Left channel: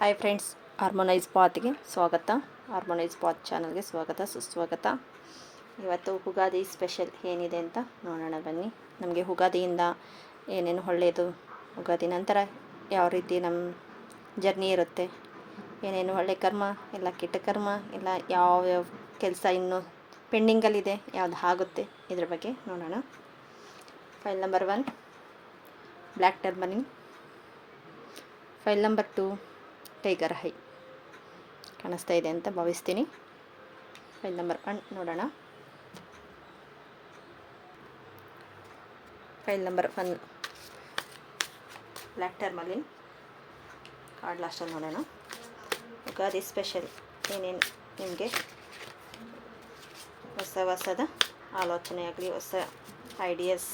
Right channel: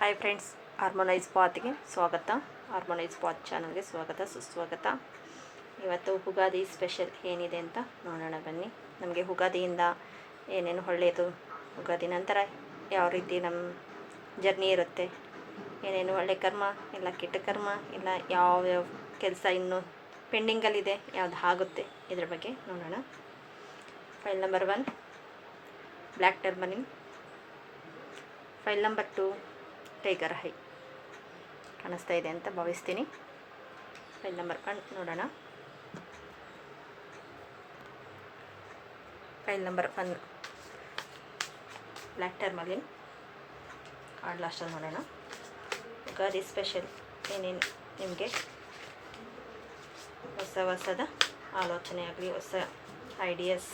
Hi friends, harmonise ಪಾತ್ಗೆ ಸ್ವಾಗತ. Harmonise path ಚಾನಲ್ಗೆ ಸ್ವಾಗತ, ಸುಸ್ವಾಗತ. ಇವತ್ತು ಉಗಾದಿ ಸ್ಪೆಷಲ್ ಏನಿದೆ ಅಂತ ನೋಡೋಣ ಬನ್ನಿ. ನಮಗೆ ಉಗಾದಿಯಿಂದ ಏನೇನು ಒಳ್ಳೆಯದು, ಉಗಾದಿ ನಂತರ ಯಾವ ರೀತಿ ನಮ್ಮ ಜರ್ನಿ ಇರುತ್ತೆ, ಏನೇನು ಒಳ್ಳೆ ಕರ್ಮ ಇಲ್ಲ ಕೆಟ್ಟ ಕರ್ಮ ಇಲ್ಲ ಯಾವ್ಯಾವ ಕೆಲಸ ಇನ್ನೂ ಪೆಂಡಿಂಗಲ್ಲಿದೆ, ಯಾವ್ದು ಆಗುತ್ತೆ, ಇದ್ರ ಬಗ್ಗೆ ನೋಡೋಣ. File number 1 black tourmaline. File number 2 tiger eye. ಕಾಣಿಸ್ತಾ ಇದೆ ಅಂತ ಭಾವಿಸ್ತೀನಿ. ಫೈಲ್ ನಂಬರ್ 1 ನೋಡೋಣ. File number 1 black tourmaline card ಲಾಸ್ಟಲ್ಲಿ ನೋಡೋಣ. ಉಗಾದಿ ಸ್ಪೆಷಲ್ ಏನೇನು ನಿಮಗೆ ಹೊಸದ ಆಲೋಚನೆ ಆಗಲಿ, ಹೊಸ ಐಡಿಯಾಸ್,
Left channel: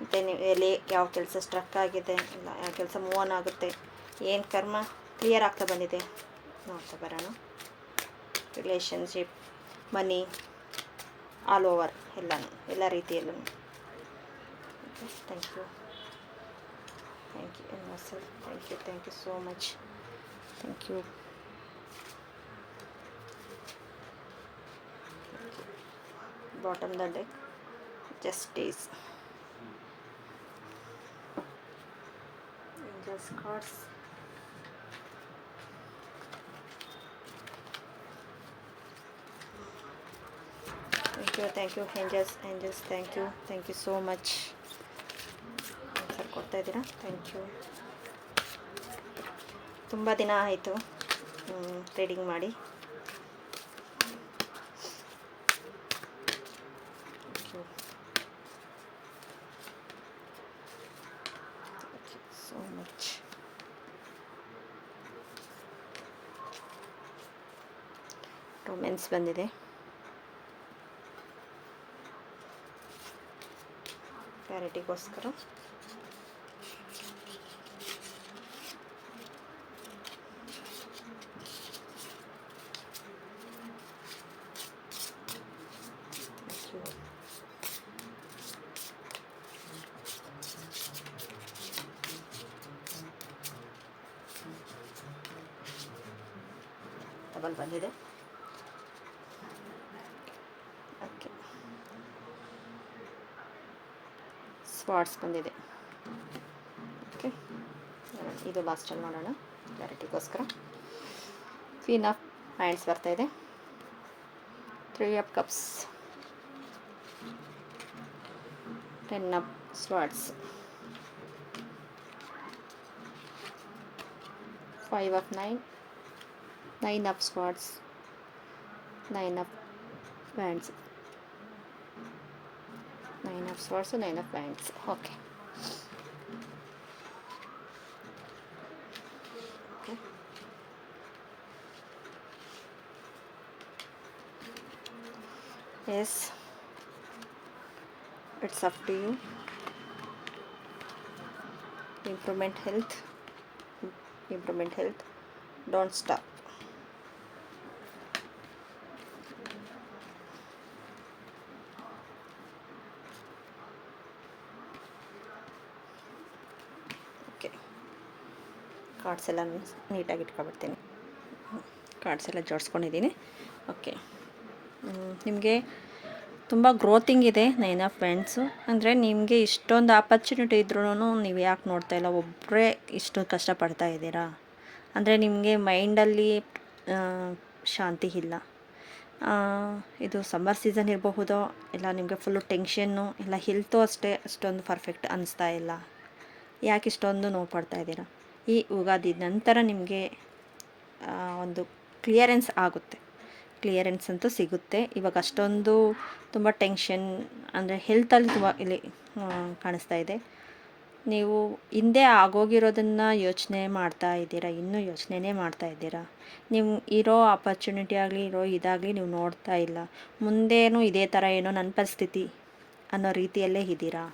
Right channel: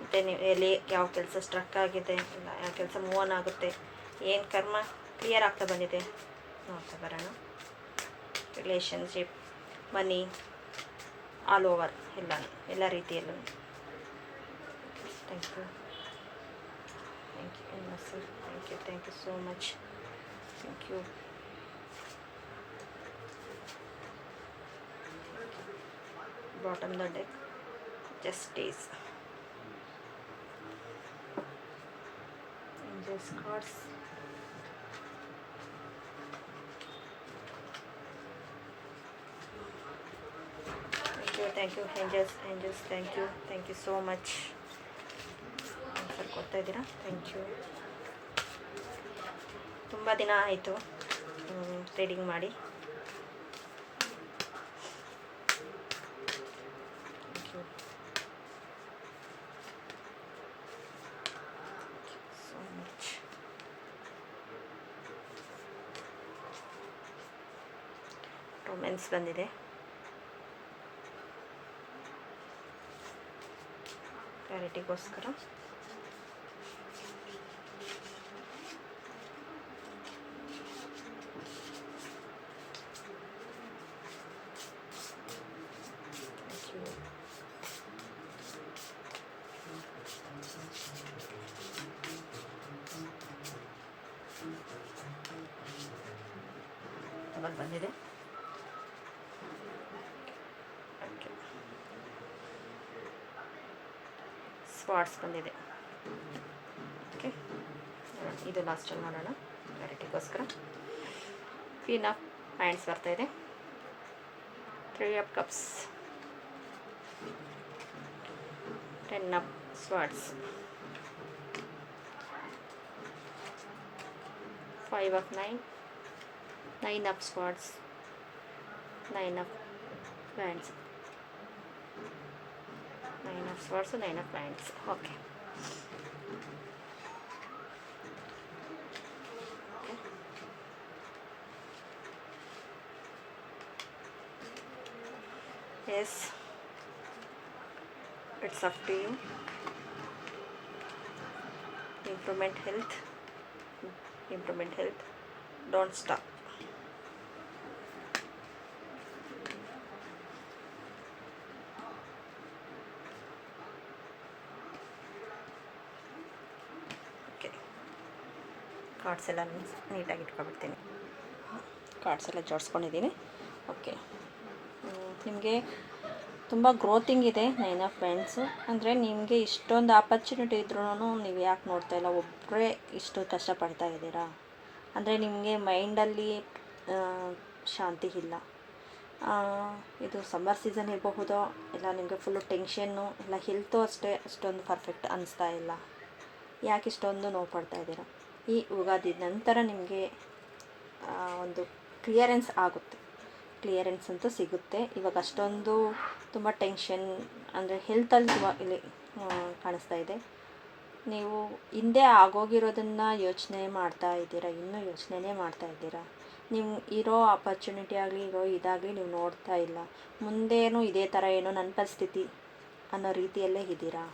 ಮತ್ತು ನೀವು ಎಲ್ಲಿ ಯಾವ ಕೆಲಸ ಸ್ಟ್ರಕ್ ಆಗಿದೆ, ಇಲ್ಲ ಯಾವ ಕೆಲಸ ಮೂವ್ ಆನ್ ಆಗುತ್ತೆ, ಏನು ಕರ್ಮ ಕ್ಲಿಯರ್ ಆಗ್ತಾ ಬಂದಿದೆ ನೋಡ್ತಾ ಬರೋಣ. ರಿಲೇಷನ್ಶಿಪ್, ಮನಿ, ಆಲ್ ಓವರ್ ಎಲ್ಲ ರೀತಿಯಲ್ಲೂ. Thank you muscle, thank you so much. Thank you. Bottom the deck, justice, angels cards, thank you angels, thank you so much. Answer ಕೊಡ್ತಾ ಇದ್ದೀರಾ, ಥ್ಯಾಂಕ್ ಯು. ತುಂಬ ದಿನ ಆಯಿತು ರೀಡಿಂಗ್ ಮಾಡಿ. So much. ರೊಮ್ಯಾನ್ಸ್ ಬಂದಿದೆ, ಕ್ಲಾರಿಟಿಗೋಸ್ಕರ. Double ಬಂದಿದೆ. ಓಕೆ, ಸ್ಪಾಟ್ಸ್ ಬಂದಿದೆ. Okay, ಇದು ಲಾಸ್ಟಲ್ಲಿ ಮಾಡೋಣ ಕ್ಲಾರಿಟಿಗೋಸ್ಕರ. ಕ್ವೀನ್ ಆಫ್ ಹ್ಯಾಂಡ್ಸ್ ಬರ್ತಾ ಇದೆ, 3 of cups, 10 of swords, 5 of 9 of swords, 9 of wands, 9 of swords, 9 of wands. Okay, yes, it's up to you. Improvement health, don't stop. Okay, cards ಎಲ್ಲ ನೀಟಾಗಿ ಇಟ್ಕೊಬಿಡ್ತೀನಿ. Cards ಎಲ್ಲ ಜೋಡಿಸ್ಕೊಂಡಿದ್ದೀನಿ. Okay, ನಿಮಗೆ ತುಂಬ ಗ್ರೋತಿಂಗ್ ಇದೆ 9 ಆಫ್ ವ್ಯಾಂಡ್ಸು. ಅಂದರೆ ನಿಮಗೆ ಇಷ್ಟೊಂದು ಆಪರ್ಚುನಿಟಿ ಇದ್ರೂ ನೀವು ಯಾಕೆ ನೋಡ್ತಾ ಇಲ್ಲ, ಒಬ್ಬರೇ ಇಷ್ಟು ಕಷ್ಟಪಡ್ತಾ ಇದ್ದೀರಾ. ಅಂದರೆ ನಿಮಗೆ ಮೈಂಡಲ್ಲಿ ಶಾಂತಿ ಇಲ್ಲ. ಇದು ಸಮ್ಮರ್ ಸೀಸನ್ ಇರಬಹುದೋ, ಇಲ್ಲ ನಿಮಗೆ ಫುಲ್ಲು ಟೆನ್ಷನ್ನು, ಇಲ್ಲ ಹೆಲ್ತು ಅಷ್ಟೇ ಅಷ್ಟೊಂದು ಪರ್ಫೆಕ್ಟ್ ಅನ್ನಿಸ್ತಾ ಇಲ್ಲ. ಯಾಕೆ ಇಷ್ಟೊಂದು ನೋವು ಪಡ್ತಾ ಇದ್ದೀರಾ. ಈ ಉಗಾದಿ ನಂತರ ನಿಮಗೆ ಒಂದು ಕ್ಲಿಯರೆನ್ಸ್ ಆಗುತ್ತೆ, ಕ್ಲಿಯರೆನ್ಸ್ ಅಂತೂ ಸಿಗುತ್ತೆ. ಇವಾಗ ಅಷ್ಟೊಂದು ತುಂಬ ಟೆನ್ಷನ್ ಅಂದರೆ ಹೆಲ್ತಲ್ಲಿ ತುಂಬ ಇಲ್ಲಿ ಕಾಣಿಸ್ತಾ ಇದೆ. ನೀವು ಹಿಂದೆ ಆಗೋಗಿರೋದನ್ನು ಯೋಚನೆ ಮಾಡ್ತಾ ಇದ್ದೀರಾ, ಇನ್ನೂ ಯೋಚನೆನೇ ಮಾಡ್ತಾ ಇದ್ದೀರಾ. ನೀವು ಇರೋ ಆಪರ್ಚುನಿಟಿ ಆಗಲಿ, ಇರೋ ಇದಾಗಲಿ ನೀವು ನೋಡ್ತಾ ಇಲ್ಲ. ಮುಂದೇನು ಇದೇ ಥರ ಏನೋ ನನ್ನ ಪರಿಸ್ಥಿತಿ ಅನ್ನೋ ರೀತಿಯಲ್ಲೇ ಇದ್ದೀರಾ.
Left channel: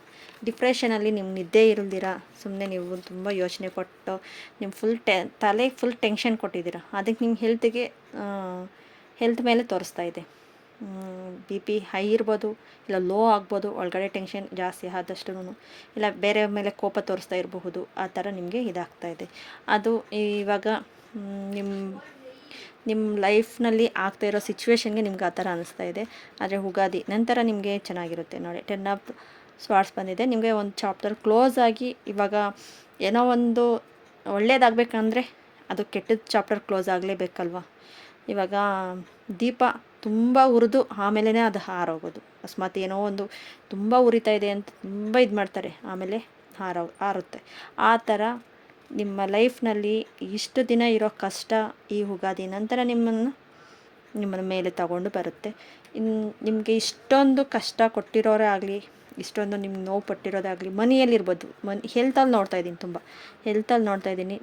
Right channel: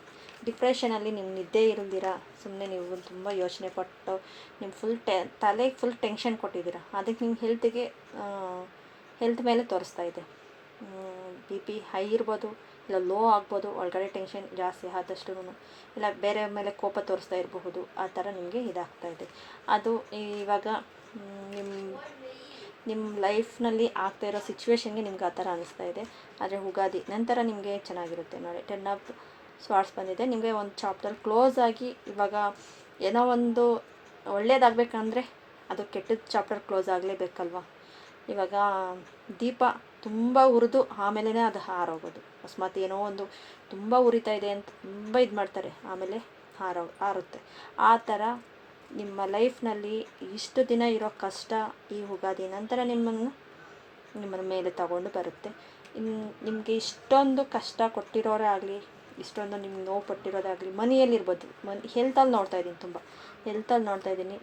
ಡಿಪ್ರೆಷನಲ್ಲಿ ನಿಮ್ಮ ನಿದ್ದೆ ಇರಲ್ದಿರ ಸುಮ್ಮನೆ ನೀವು ತುಂಬ ಯೋಚನೆ ಪಟ್ಟು ನಿಮ್ಮ ತಲೆಗೆ ಫುಲ್ ಟೆನ್ಷನ್ ಕೊಟ್ಟಿದ್ದೀರಾ. ಅದಕ್ಕೆ ನಿಮ್ಮ ಹೆಲ್ತ್ ಮೇಲೆ ತೋರಿಸ್ತಾ ಇದೆ. BP ಹೈ ಇರ್ಬೋದು, ಇಲ್ಲ ಲೋ ಆಗ್ಬೋದು, ಒಳಗಡೆ ಟೆನ್ಷನ್ ಜಾಸ್ತಿ ಆದಷ್ಟು, ಇಲ್ಲ ಬೇರೆ ಮೇಲೆ ಕೋಪ ತೋರಿಸ್ತಾ ಇರಬಹುದು. ಆ ಥರ ನಿಮಗೆ ಇದಾಗ್ತಾ ಇದೆ. ಅದು ಇವಾಗ ನಿಮ್ಮ ನಿಮ್ಮ ಲೈಫ್ನಲ್ಲಿ ಆಗ್ತಾ ಇರೋ ಸಿಚುವೇಶನ್ಗೆ ನಿಮ್ಗೆ ಆ ಥರ ಅನ್ನಿಸ್ತಾ ಇದೆ. ಆದರೆ ಯುಗಾದಿ ನಂತರ ನಿಮಗೆ ಚೆನ್ನಾಗಿರುತ್ತೆ ನೋಡಿ. 10 ಆಫ್ ಸ್ವಾರ್ಡ್ಸ್ ಬಂದಿದೆ. ನಿಮಗೆ ಒಂದು ಚಾಪ್ಟರ್ ಕ್ಲೋಸ್ ಆಗಿ ಇವಾಗ ಏನೋ ಒಂದು ಒಳ್ಳೇದಾಗಬೇಕಂದ್ರೆ ಅದು ಕೆಟ್ಟದ ಚಾಪ್ಟರ್ ಕ್ಲೋಸ್ ಆಗಲೇಬೇಕಲ್ವ. ಇವಾಗ ದೀಪ ತುಂಬ ಉರಿದು ಆಮೇಲೆ ಅದು ಹಾರೋಗೋದು. ಅಕಸ್ಮಾತ್ ಏನೋ ಒಂದು ತುಂಬ ಉರಿತಾ ಇದೆ ಅಂತ ತುಂಬ ಇದು ಮಾಡ್ತಾರೆ, ಆಮೇಲೆ ಹಾರುತ್ತೆ. ಆ ಥರ ನಿಮ್ಮ ಲೈಫ್ನಲ್ಲಿ ಇಷ್ಟು ದಿನ ಇರೋ ಕಷ್ಟ ಈ ಯುಗಾದಿ ನಂತರ ನಿಮ್ಮನ್ನು ಮೇಲೆ ತಗೊಂಡು ಬರುತ್ತೆ. ನಿಮಗೆ ಇಷ್ಟೊಂದು ಕಷ್ಟ ಕೊಟ್ಟಿರೋರೇ ಆಗಲಿ, ಇಷ್ಟೊಂದು ನಿಮ್ಗೆ ನೋವು ಪಟ್ಟಿರೋದಾಗಲಿ, ಮನಿಯಲ್ಲಿರ್ಬೋದು, ಹೆಲ್ತಲ್ಲಿ ನೋಡ್ತಾಯಿದ್ದೀನಿ, ತುಂಬ ಹೆಲ್ತಲ್ಲಿ ನೋಡ್ತಾಯಿದ್ದೀನಿ.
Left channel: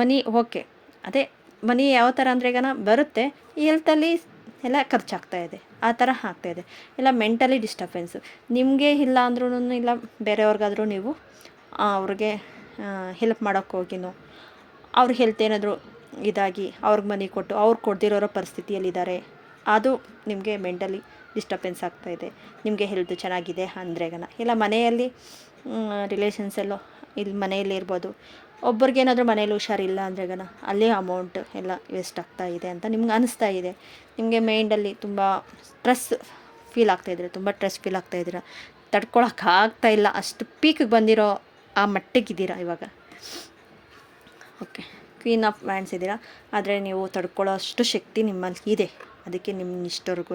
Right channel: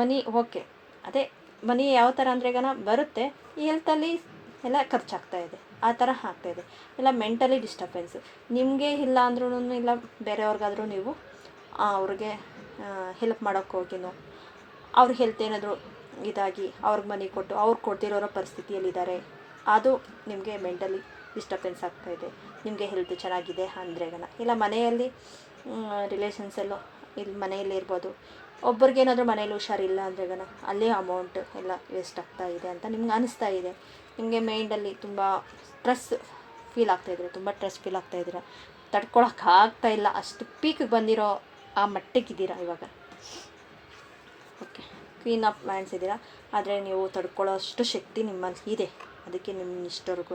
ಮನಿ ಓಕೆ, ಅದೇ ಮನಿ ಯಾವ ಥರ ಅಂದರೆ ಈಗ ಬರುತ್ತೆ, ಈ ಹೆಲ್ತಲ್ಲಿ ಎಲ್ಲ ಖರ್ಚಾಗ್ತಾಯಿದೆ, ಆ ಥರ ಆಗ್ತಾಯಿದೆ. ಇಲ್ಲ ಮೆಂಟಲಿ ಡಿಸ್ಟರ್ಬೆನ್ಸು ನಿಮಗೆ ಇಲ್ಲ ಅಂದ್ರೂ, ಇಲ್ಲ ಬೇರೆಯವ್ರಿಗಾದರೂ ನೀವು ಅವ್ರಿಗೆ ಹೆಲ್ಪ್ ಮಾಡೋಕ್ಕೆ ಹೋಗಿನೋ ಅವ್ರ ಹೆಲ್ತ್ ಏನಾದರೂ ಇದಾಗಿ ಅವ್ರಿಗೆ ಮನಿ ಕೊಟ್ಟು ಅವ್ರು ಕೊಡ್ದಿರೋ ಪರಿಸ್ಥಿತಿಯಲ್ಲಿದ್ದಾರೆ, ಅದು ನಿಮಗೆ ಮೆಂಟಲಿ ಡಿಸ್ಟರ್ಬೆನ್ಸ್ ಆಗ್ತಾಯಿದೆ. ನಿಮಗೆ ಹೆಲ್ತ್ ಚೆನ್ನಾಗಿದೆ ಅಂದ್ರೆಗನ, ಇಲ್ಲ ಮನೆಯಲ್ಲಿ ರಿಲೇಷನ್ಸಲ್ಲೋ ಇಲ್ಲಿ ಮನೆಯಲ್ಲಿ ಇರ್ಬೋದು, ಒಬ್ರಿಗೇನಾದರೂ ಮನೇಲಿ ಹುಷಾರಿಲ್ಲ ಅಂದ್ರೆಗನ ಅಲ್ಲೇ ಅಮೌಂಟ್ ಎಲ್ಲ ವೇಸ್ಟ್ ಆಗ್ತಾಯಿದೆ ಅಂತ ನಿಮ್ಗೆ ಅನಿಸ್ತಾ ಇದೆ. ನಿಮಗೆ ಮೈಂಡಲ್ಲಿ ತುಂಬ ಸ್ಟ್ರೆಸ್ ಫೀಲ್ ಆಗ್ತಾಯಿದ್ದೀರ, ತುಂಬ ಸ್ಟ್ರೆಸ್ ಫೀಲ್ ಆಗ್ತಾಯಿದ್ದೀರ, ತಡ್ಕೊಳಕ್ಕಾಗ್ತಾಯಿಲ್ಲ, ಅಷ್ಟು ಪೀಕಿಗೆ ಬಂದಿರೋ ಆ ಮಟ್ಟಿಗಿದ್ದೀರಾ ಇವಾಗ. ಓಕೆ, ಕ್ವೀನ್ ಆಫ್ ವ್ಯಾಂಡ್ಸ್ ಇದ್ದೀರಾ, ಆದರೆ ನೀವು ತಡ್ಕೊಳ್ಳೋ ಅಷ್ಟು ಶಕ್ತಿ ನಿಮ್ಮಲ್ಲಿ ಇದೆ. ಅದಕ್ಕೆ ನಿಮ್ಮ ಇಷ್ಟವರೆಗೂ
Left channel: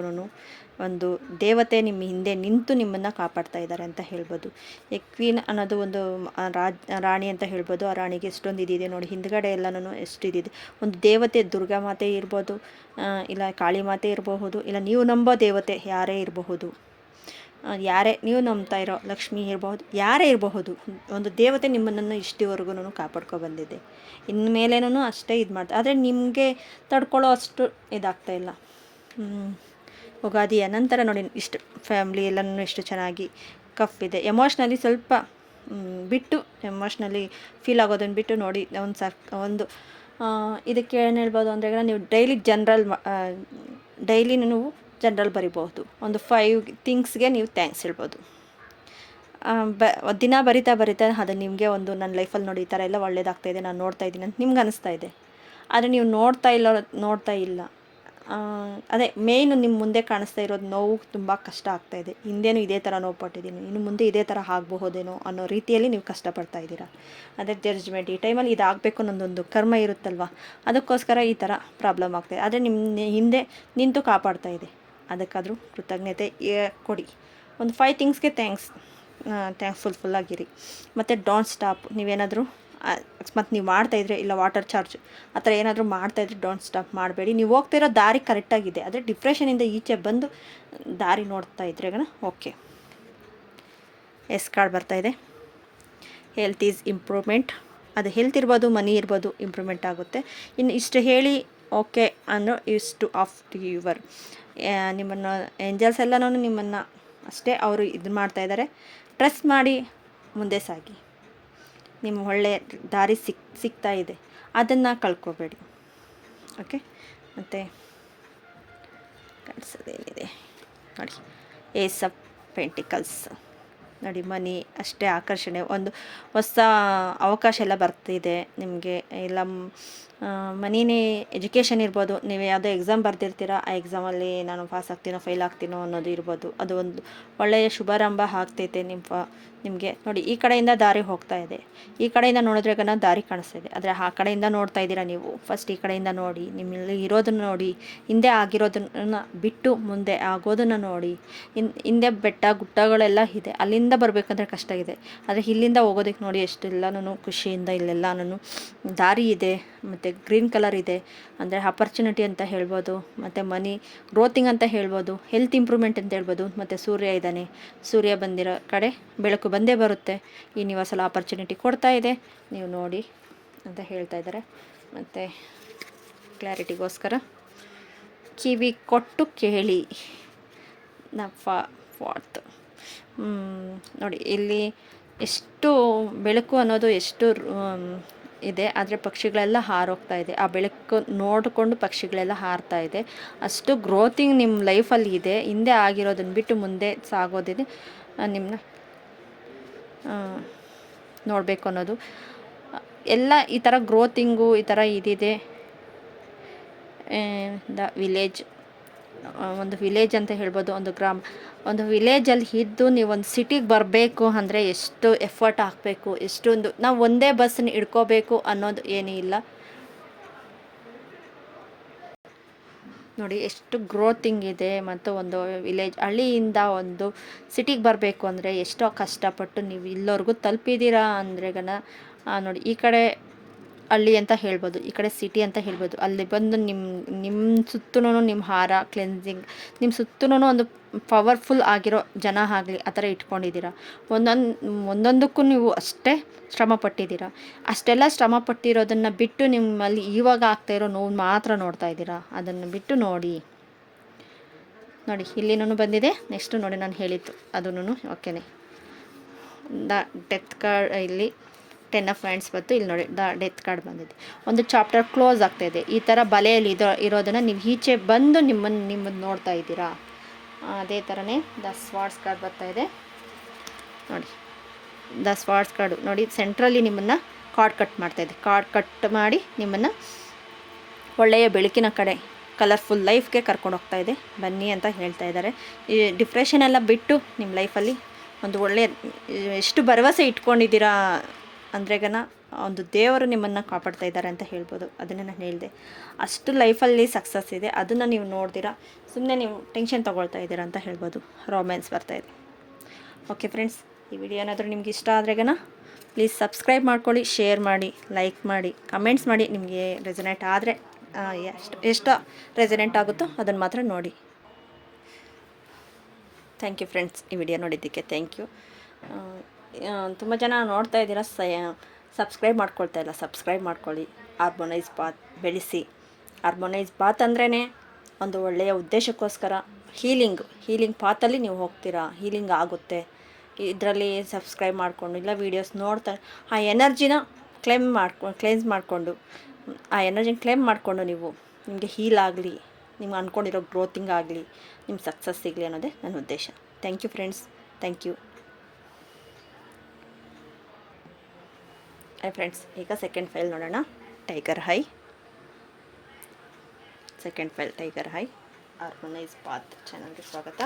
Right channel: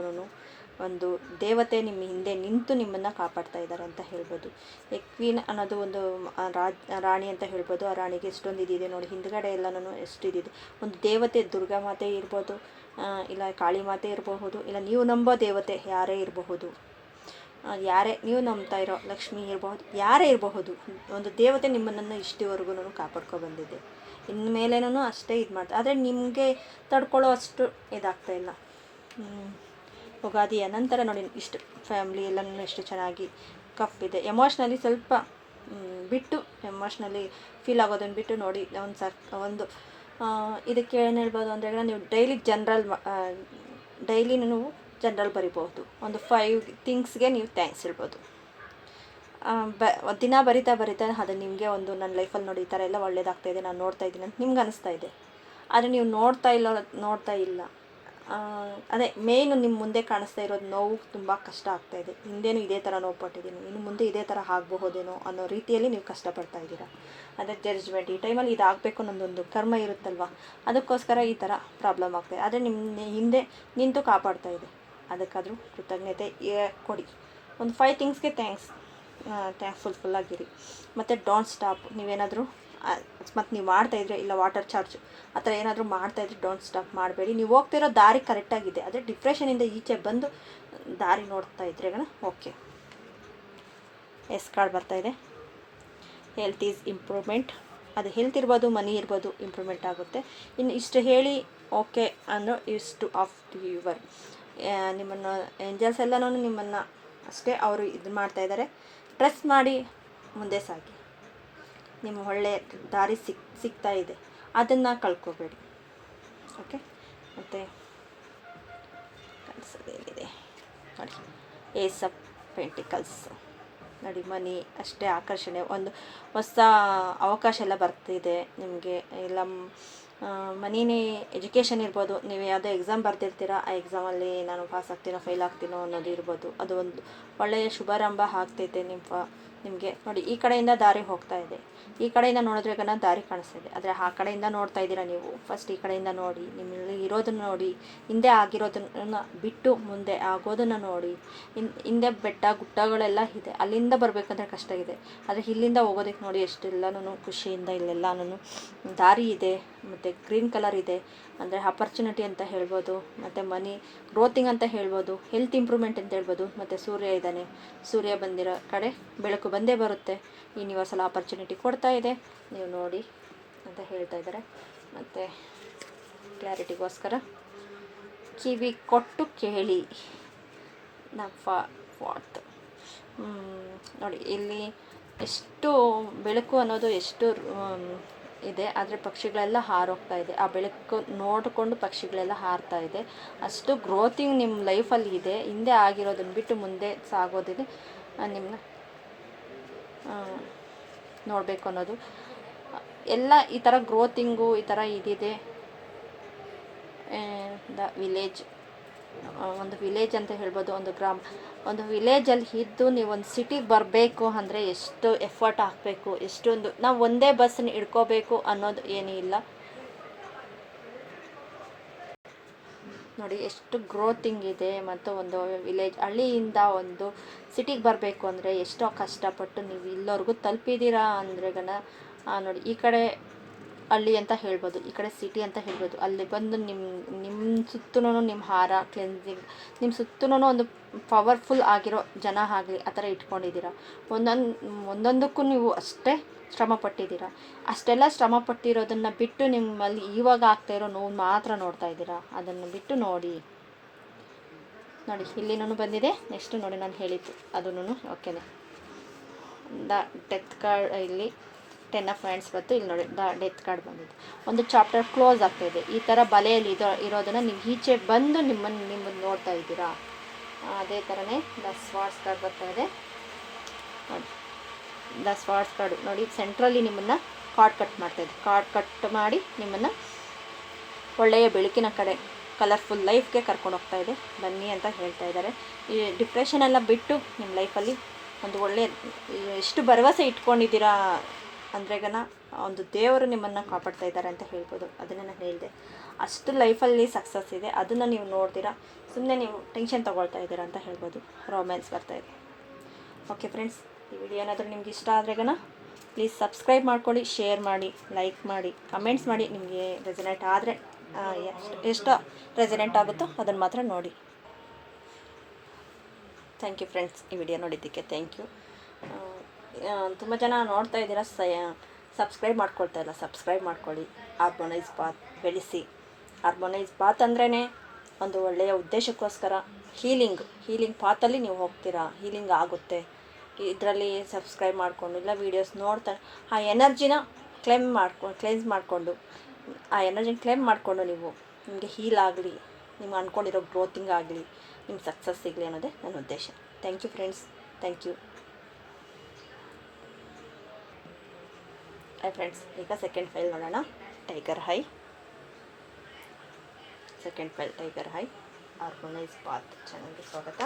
ಒಂದು ದೇವತೆ ನಿಮ್ಮ ಹಿಂದೆ ನಿಂತು ನಿಮ್ಮನ್ನು ಕಾಪಾಡ್ತಾ ಇದ್ದಾರೆ ಅಂತ ಹೇಳ್ಬೋದು. ಈ ಕ್ವೀನ್ ಅನ್ನೋದು ಒಂದು ರಾಣಿ ಅಂತ ಹೇಳ್ಬೋದು. ಆ ರಾಣಿಗೆ ಎಷ್ಟೊಂದು ಇದಿದೆ ನೋಡಿ, ಹಿಂದ್ಗಡೆ ಎಲ್ಲನೂ ಎಷ್ಟು ಇದಿದೆ. ಒಂದು ದೇವತೆ, ದುರ್ಗಾ ಮಾತೆ ಇರ್ಬೋದು, ಇಲ್ಲ ಕಾಳಿ ಮಾತೆ ಇರಬಹುದು, ಇಲ್ಲ ನೀವು ನಂಬೋ ದೇವತೆ ಯಾರೇ ಇರಬಹುದು, ಯಾರೇ ನೀವು ನಂಬ್ತಾ ಇರೋ ಲಕ್ಷ್ಮಿ ಇರಬಹುದು, ಯಾರೇ ಇರಬಹುದು, ಒಂದು ದೇವತೆ ನಿಮ್ಮನ್ನು ಇಷ್ಟವರೆಗೂ ಕಾಪಾಡ್ಕೊ ಬಂದಿದೆ. ಇನ್ಮೇಲೇನೂ ಅಷ್ಟೇ ಇದು ಮಾಡ್ತಾರೆ. ಆದರೆ ನಿಮಗೆ ತಡ್ಕೊಳ್ಳೋ ಅಷ್ಟು ಇದಾಗ್ತಾಯಿಲ್ಲ. ಯುಗಾದಿಯ ನಂತರ ನೋಡಿ, ಇಷ್ಟು ಫ್ಯಾಮ್ಲಿ ಎಲ್ಲನೂ ಎಷ್ಟು ಚೆನ್ನಾಗಿ ಕಫ್ ಇದೆ. ಎಮೋಷ್ನಲಿ ಸ್ವಲ್ಪ ಬಿಟ್ಟು, ಎಮೋಷ್ನಲಿ ಫೀಲ್ ಆಗೋದನ್ನು ಬಿಟ್ಟು ನೋಡಿ, ಒಂದು ಇದಕ್ಕೆ ಏನು ಹೇಳ್ಬೋದು ಅಂದರೆ, ನೀವು ಡೈಲಿ ನೀವು ಜನರಲ್ ಬರಿಬಹುದು. ಒಂದು 5 ಥಿಂಗ್ಸ್ಗೆ ನೀವು ಥ್ಯಾಂಕ್ಸ್ ಹೇಳ್ಬೋದು. ದಿನ ಬರಿತಾ ಅದು ನಿಮಗೆ ಒಂದು ನನ್ನ ಲೈಫಲ್ಲಿ ನೋಡಿ ಈ ಥರ ಎಲ್ಲ ಒಳ್ಳೇದಾಗ್ತಾಯಿದೆ, ನಾನು ನೋಡ್ತಾ ಇದ್ದೀನಿ ಅಂತ ನಿಮ್ಗೆ ಅನಿಸ್ತಾ ಇದೆ. ಆದರೆ ನೀವು ನೋಡ್ತಾ ಇಲ್ಲ. ಅದೇ ಮೇಯ್ನು ನಿಮ್ಮ ಮುಂದೆ ಕಾಣಿಸ್ತಾ ಇರೋದು ನೋವು ತುಂಬ ಕಷ್ಟ ಆಗ್ತಾಯಿದೆ. ಹಿಂದೇನು ಇದೇ ಥರ ನೋವು ಪಟ್ಟಿದ್ದೀನಿ, ಇನ್ನು ಮುಂದೆ ಇದೇ ಥರ ಆಗಬಹುದೇನೋ ಅನ್ನೋ ರೀತಿಯಲ್ಲಿ ನೀವು ಕಷ್ಟಪಡ್ತಾ ಇದ್ದೀರಾ. ಅದೇ ಜಡ್ಜ್ಮೆಂಟ್, ಈ ಟೈಮಲ್ಲಿ ಇದಾಗಬೇಕು ಅನ್ನೋದೊಂದು ಕರ್ಮ ಇರುತ್ತಲ್ವ, ಅದಕ್ಕೋಸ್ಕರ ಈ ಥರ ಪ್ರಾಬ್ಲಮ್ ಆಗ್ತಾಯಿದೆ. ಆದರೆ ನಿಮ್ಮ ಹಿಂದೆ ನಿಂತು ಕಾಪಾಡ್ತಾ ಇದೆ. ಅದಕ್ಕಾದರೂ ಕೃತಜ್ಞತೆ ಕೊಡಿ. ಒಂದು 5 ಥಿಂಗ್ಸ್ಗೆ ಥ್ಯಾಂಕ್ಫುಲ್ಲಾಗಿರಿ. ಮತ್ತು ಡೋಂಟ್ ಸ್ಟಾಪ್. ನೀವೇನಾದರೂ ಅಕಸ್ಮಾತ್ ನೀವು ಮಾಡ್ತಾಯಿದ್ರೆ, ಇಲ್ಲ ವಾಟರ್ ಚಾರ್ಜ್ ಆ ಥರ ಏನಾದರೂ ಮಾಡ್ತಾಯಿದ್ರೆ ಡೋಂಟ್ ಸ್ಟಾಪ್ ಮಾಡಬೇಡಿ. ನೀವು ಹೋಗ್ತಾ ಇರೋ ದಾರಿ ಕರೆಕ್ಟಾಗಿದೆ, ಆದರೆ ಡಿಪ್ರೆಷನಿಂದ ಈಚೆ ಬಂದು ದಾರಿ ನೋಡ್ತಾ ಇದ್ರೆ ಓಕೆ. ಕಾರ್ಡ್ ಬರ್ತಾಯಿದೆ. Health is improvement. ಅದು ಹೆಲ್ತ್ ಇರ್ಬೋದು, ಮನಿ ಇರ್ಬೋದು, ಇಂಪ್ರೂವ್ಮೆಂಟ್ ಆಗುತ್ತೆ. ಇನ್ನು ಇಷ್ಟು ಹೇಳಿ ಓಕೆ ಅನ್ನೋ ಇಷ್ಟು ಆಫ್ ಯುವರ್ ನಿಮ್ಮನ್ನು ಏಂಜಲ್ಸ್ ಎಲ್ಲನೂ ನಿಮ್ಮನ್ನು ಅಷ್ಟೇ ಅವರು ಇದು ಮಾಡ್ತಾಯಿದ್ದಾರೆ. ಟ್ರಸ್ಟ್ ಮಾಡಿ ಮುಂದೆ ಸಾಗಿ. ನಿಮ್ಮ ಒಳ್ಳೆಯ ದಾರಿ ಸಿಗ್ತಾ ಇದೆ, ಅದನ್ನು ಕಳ್ಕೊಬೇಡಿ. ಓಕೆ. ಮತ್ತು ಕಳಿಸೋದೇನಿದೆ ನೋಡಿ, ಏಸ್ ಆಫ್ ಪೆಂಟಿಕಲ್ಸ್ ನೋಡಿ, ಮನಿ ಅಷ್ಟೇ ಆಕರ್ಷಣೆ, ಒಂದು ಹೊಸ ಅವಕಾಶ ಎಲ್ಲ ಬರ್ತಿದೆ ನಿಮಗೆ. ಇಲ್ಲ ಮನಿನೇ ಎಜುಕೇಷನ್ ಇರ್ಬೋದು, ನೀವು ಯಾವುದೋ ಎಕ್ಸಾಮ್ ಬರ್ದಿರ್ತೀರ, ಆ ಎಕ್ಸಾಮಲ್ಲಿ ನಾನು ಪಾಸ್ ಆಗ್ತೀನೋ ಫೇಲ್ ಆಗ್ತೀನೋ ಅನ್ನೋದು ಇರ್ಬೋದು. ಅದು ಒಂದು ಒಳ್ಳೆಯ ಶುಭಾರಂಭ ಆಗ್ತೈತೆ ನಿಮಗೆ. ನೋಡಿ, ಈ ಕಡೆಯಿಂದ ದಾರಿ ಹೋಗ್ತಾ ಇದೆ, ಈ ಕಡೆಯಿಂದ ನೋಡಿದ್ರೆ ದಾರಿ ಕಾಣಿಸ್ತಾಯಿದೆ, ಆದರೆ ಆ ಕಡೆಯಿಂದ ನೋಡ್ತಾ ಇದ್ದೀರಾ ನೀವು. ಫಸ್ಟ್ ಈ ಕಡೆಯಿಂದ ನೋಡಿ, ನಿಮ್ಮಲ್ಲಿ ಇರೋದನ್ನು ನೋಡಿ, ಹಿಂದೆ ಆಗಿರೋದನ್ನು ಬಿಟ್ಟು ಮುಂದೆ ಆಗೋದನ್ನು ನೋಡಿ. ಹಿಂದೆ ಬೆಟ್ಟ ಗುಡ್ಡಗಳೆಲ್ಲ ಇದೆ, ಅಲ್ಲಿಂದ ಬರಬೇಕಂದ್ರೆ ಕಷ್ಟ ಇದೆ, ಆದರೆ ಇಲ್ಲಿಂದ ಹೋಗೋದಕ್ಕೆ ನೋಡಿ ಎಷ್ಟೆಲ್ಲನೂ ಖುಷಿಯಿಂದ ಇಲ್ಲೆಲ್ಲನೂ ದಾರಿ ಇದೆ. ಮತ್ತು ಗ್ರೀನ್ ಕಲರ್ ಇದೆ ಅಂದರೆ ಆಪರ್ಚುನಿಟಿ ಅಂತ ಹೇಳ್ಬೋದು, ಮತ್ತು ಮನಿ ಗ್ರೋತಿಂಗ್ ಅಂತ ಹೇಳ್ಬೋದು, ಹೆಲ್ತ್ ಇಂಪ್ರೂವ್ಮೆಂಟ್ ಅಂತ ಹೇಳ್ಬೋದು. ಮತ್ತು ಸೂರ್ಯ ಇದ್ದಾನೆ, ಸೂರ್ಯ ಬಂದಿರೋ ಕಡೆ ಬೆಳಕು ಬಂದೇ ಬರುತ್ತೆ. ಯೂನಿವರ್ಸಲ್ ಆಪರ್ಚುನಿಟಿ ಕೊಡ್ತಾ ಇದೆ, ನೀವು ನೋಡಿ ಅಂತ ಹೇಳ್ತಾ ಇದ್ದಾರೆ. ಮತ್ತು ಕ್ಲಾರಿಟಿಗೋಸ್ಕರ ಕಿವಿ ಕೊಟ್ಟು ಕೇಳಿ. ಫಾರ್ತ್ ನೋಡಿ, ಇಲ್ಲಿ ಎಷ್ಟು ಬೆಳಕು ಅನ್ನೋದು ಎಷ್ಟು ಇದೆ, ಆದರೆ ಪಕ್ಷಿಗಳೆಲ್ಲ ಹಾರೋಗ್ತಾ ಇದೆ. ಆ ಬೆಳಕು ನೋಡಿಕೊಂಡು ಪಕ್ಷಿಗಳೆಲ್ಲ ಹಾರ್ತಾ ಇದೆ. ಅಷ್ಟು ಗ್ರೋತಿಂಗ್ ನಿಮ್ಮ ಲೈಫಲ್ಲಿ ಇದೆ. ಹಿಂದೆ ಆಗಿರೋದನ್ನು ಬಿಟ್ಟು ಮುಂದೆ ಸಾಗೋದಿದೆ, ನಿಮ್ಮನ್ನ ನೋಡಬೇಕು ಅನ್ನೋದು ಎಲ್ಲ ಈ ಥರ ಗ್ರೋತಿಂಗು ಈ ಥರ ಇದಿದೆ. ದ ವಿಲೇಜ್, ಒಂದು ವಿಲೇಜ್ ಅಂತ ಹೇಳ್ಬೋದು, ಒಂದು ಗ್ರಾಮ. ಒಂದು ವಿಲೇಜಲ್ಲಿ ಇದ್ದು ನೀವು ಒಂದು ಸಿಟಿಗೆ ಬರಬೇಕು ಅಂದರೆ ಎಷ್ಟು ಎಫರ್ಟ್ ಹಾಕಬೇಕು, ಎಷ್ಟೊಂದು. ನಾವು ಒಂದೇ ಬಸ್ಸನ್ನ ಹಿಡ್ಕೋಬೇಕು ಅನ್ನೋದು ಏನೂ ಇಲ್ಲ ನೋಡಿ, ಎಷ್ಟು ಗ್ರೋತಿಂಗ್ ಇದೆ. ಮತ್ತು ಒಂದು ವಿಲೇಜ್, ಹಳ್ಳಿಯಿಂದ ಒಂದು ಸಿಟಿಗೆ ಬರಬೇಕು ಅಂದರೆ ಎಷ್ಟೋ ಕಷ್ಟಪಟ್ಟು ನೀವು ಇಲ್ಲವರೆಗೂ ತಲುಪಿದ್ದೀರಾ ಅಂದರೆ ನೋಡಿ, ಈ ಕಡೆ ಹಳ್ಳಿ ಅಂತ ಹೇಳ್ಬೋದು, ಈ ಕಡೆ ಸಿಟಿ ಅಂತ ಹೇಳ್ಬೋದು. ಅಲ್ಲಿ ಬಂದು ನಿಮ್ಮ ಸುತ್ತೂ ನಿಮ್ಮ ಹಾರ ಕ್ಲೆನ್ಸಿಂಗ್, ನಿಮ್ಮ ಸುತ್ತೂ ಒಂದು ಪವರ್ಫುಲ್ ಆಗಿರೋ ಜನ ಆಗಲಿ ಆ ಥರ ಇಟ್ಕೊಂಡಿದ್ದೀರಾ. ಒಂದೊಂದಕ್ಕೂ ನೀವು ಅಷ್ಟೇ ಶ್ರಮ ಪಟ್ಟಿದ್ದೀರಾ. ಅಷ್ಟೆಲ್ಲ ಶ್ರಮ ಪಟ್ಟಿರೋದನ್ನು ಬಿಟ್ಟು ನಿಮ್ಮಲ್ಲಿ ಇವಾಗ ಆಗ್ತಾಯಿರೋ ನೋವು ಮಾತ್ರ ನೋಡ್ತಾ ಇದ್ದೀರಾ. ಅದನ್ನು ಬಿಟ್ಟು ನೋಡಿ ಇಲ್ಲಿನೂ ಬಂದಿದೆ. ನೆಕ್ಸ್ಟು ನೋಡಿ ನಾನು ಹೇಳಿದ್ದು ಅದೂ ಓಕೆನೆ. ದ ಡೆತ್ ಕಾರ್ಡ್ ಇಲ್ಲಿ 10 ಆಫ್ ಹ್ಯಾಂಡ್ಸ್ ಬಂತು. ಇಲ್ಲಿ ನೋಡಿ ದ ಡೆತ್ ಕಾರ್ಡ್ ಬಂದಿದೆ. ಒಂದು ಚಾಪ್ಟರ್ ಕ್ಲೋಸ್ ಆಗ್ತಾಯಿದೆ. ಈ ಥರ ಬಲೆಯಲ್ಲಿ ಇರೋದನ್ನು ನೀವು ಈಚೆ ಬಂದು ನಿಮ್ಮನ್ನು ನೋಡ್ತಾ ಇದ್ದೀರಾ. ಅದೇ ಥರನೇ ದ ಸ್ವಾರ್ಡ್ಸ್ ಕಾರ್ಡ್ ಬರ್ತಾಯಿದೆ ನೋಡಿ. ದ ಸ್ವಾರ್ಡ್ಸ್ ಕಾರ್ಡು ನೋಡಿ, ಸೆಂಟ್ರಲ್ಲಿ ನಿಮ್ಮನ್ನು ಕಾರ್ಡ್ ಕಟ್ ಮಾಡ್ತಾಯಿದೆ. ಕಾರ್ಡ್ ಕಟ್ ಮಾಡಿ ನಿಮ್ಮನ್ನು ಒಳ್ಳೆಯ ಬೆಳಕಿನ ಕಡೆ, ಕಲರ್ಫುಲ್ ಲೈಫ್ಗೆ ಕರ್ಕೊಂಡು ಹೋಗ್ತಾ ಇದೆ, ಬನ್ನಿ ಅಂತ ಹೇಳ್ತಾ ಇದ್ದಾರೆ. ಈ ಡಿಪ್ರೆಷನ್ ಎಲ್ಲ ಬಿಟ್ಟು ನಿಮ್ಮ ಲೈಫಲ್ಲಿ ಒಂದು ಒಳ್ಳೆಯ, ಎಷ್ಟು ಭರವಸೆ ಇಟ್ಕೊಂಡಿದ್ದೀರಾ ಅಂದರೆ ಒಂದು ದೇವರು ನಿಮ್ಮನ್ನು ಕಾಪಾಡ್ತಾ ಇದ್ದಾರೆ ಅಂತ ಹೇಳ್ಬೋದು. ಅದನ್ನು ನಾನು ಹೇಳಿದೆ. ಅಷ್ಟು ಲೈಫಲ್ಲಿ ಸಕ್ಸಸ್ ಇದೆ. ಅದನ್ನು ನೀವು ನೋಡ್ತೀರಾ, ಸುಮ್ಮನೆ ನೀವು ಟೆನ್ಷನ್ ತೊಗೊಳ್ತಾ ಇದ್ದೀರಾ ಅಂತ ಹೇಳ್ಬೋದು. ರೊಮ್ಯಾನ್ಸ್ ಬರ್ತಾಯಿದೆ. ಓಕೆ ಫ್ರೆಂಡ್ಸ್, ಈ ವಿಡಿಯೋ ಏನಾದರೂ ನಿಮ್ಗೆ ಇಷ್ಟ ಆದರೆ ಪ್ಲೀಸ್ ಸಬ್ಸ್ಕ್ರೈಬ್ ಮಾಡ್ಕೊಳ್ಳಿ, ಶೇರ್ ಮಾಡಿ, ಲೈಕ್ ಮಾಡಿ, ಕಮೆಂಟ್ಸ್ ಮಾಡಿ. ನಿಮಗೆ ರೆಸನೇಟ್ ಆದರೆ ಎಷ್ಟು ರೆಸನೇಟ್ ಆಗುತ್ತೋ ಅದನ್ನು ಮಾತ್ರ ನೋಡಿ. ಥ್ಯಾಂಕ್ ಯು ಫ್ರೆಂಡ್ಸ್, ಈ ವಿಡಿಯೋ ನೋಡಿದ್ದಕ್ಕೆ ಥ್ಯಾಂಕ್ ಯು. ತುಂಬ ಜನ ನೋಡ್ತಾ ಇದ್ದೀರಾ, ಸಬ್ಸ್ಕ್ರೈಬ್ ಮಾಡ್ಕೊಳ್ತಾ ಇಲ್ಲ. ಸಬ್ಸ್ಕ್ರೈಬ್ ಮಾಡ್ಕೊಳ್ಳಿ. ಹಾರ್ಮೋನೈಸ್ ಬಾತ್ ಬೆಳೆಸಿ. ಹಾರ್ಮೋನೈಸ್ ಬಾತ್ ಅಂದ್ರೇ ಒಂದು ಒಳ್ಳೆಯ ಉದ್ದೇಶಕ್ಕೋಸ್ಕರ, ಹೀಲಿಂಗ್ ಪಾತಲ್ಲಿ ನೀವು ಹೋಗ್ತೀರಾ, ಹೀಲಿಂಗ್ ಆಗುತ್ತೆ ಇದರಲ್ಲಿ. ಸಬ್ಸ್ಕ್ರೈಬ್ ಮಾಡಿಕೊಂಡು ಇಲ್ಲ ವೀಡಿಯೋಸ್ ನೋಡ್ತಾರೆ, ಆ ಎನರ್ಜಿನ ಕ್ಲೆನ್ಸ್ ಮಾಡಿಕೊಂಡು, ಆ ಎನರ್ಜಿನ ಕ್ಲೇಮ್ ಮಾಡಿಕೊಂಡು ನೀವು ನಿಮಗೆ ಹೀಲ್ ಆಗಲಿ, ನಿಮ್ಗೆ ಅಂದ್ಕೊಂಡಿರೋ ಗ್ರೋತಿಂಗ್ ಆಗಲಿ, ನಿಮ್ಮ ಸಕ್ಸಸ್ ಸಿಗಲಿ ಅನ್ನೋದೇ ನನ್ನ ಉದ್ದೇಶ. Thank you friends, thank you. Friends, ಈಗ ಸೆಕೆಂಡ್ ಫೈಲ್ ನೋಡೋಣ. Tiger high, second file tiger high. Harmonise bath ಚಾನಲ್ಗೆ ಸ್ವಾಗತ.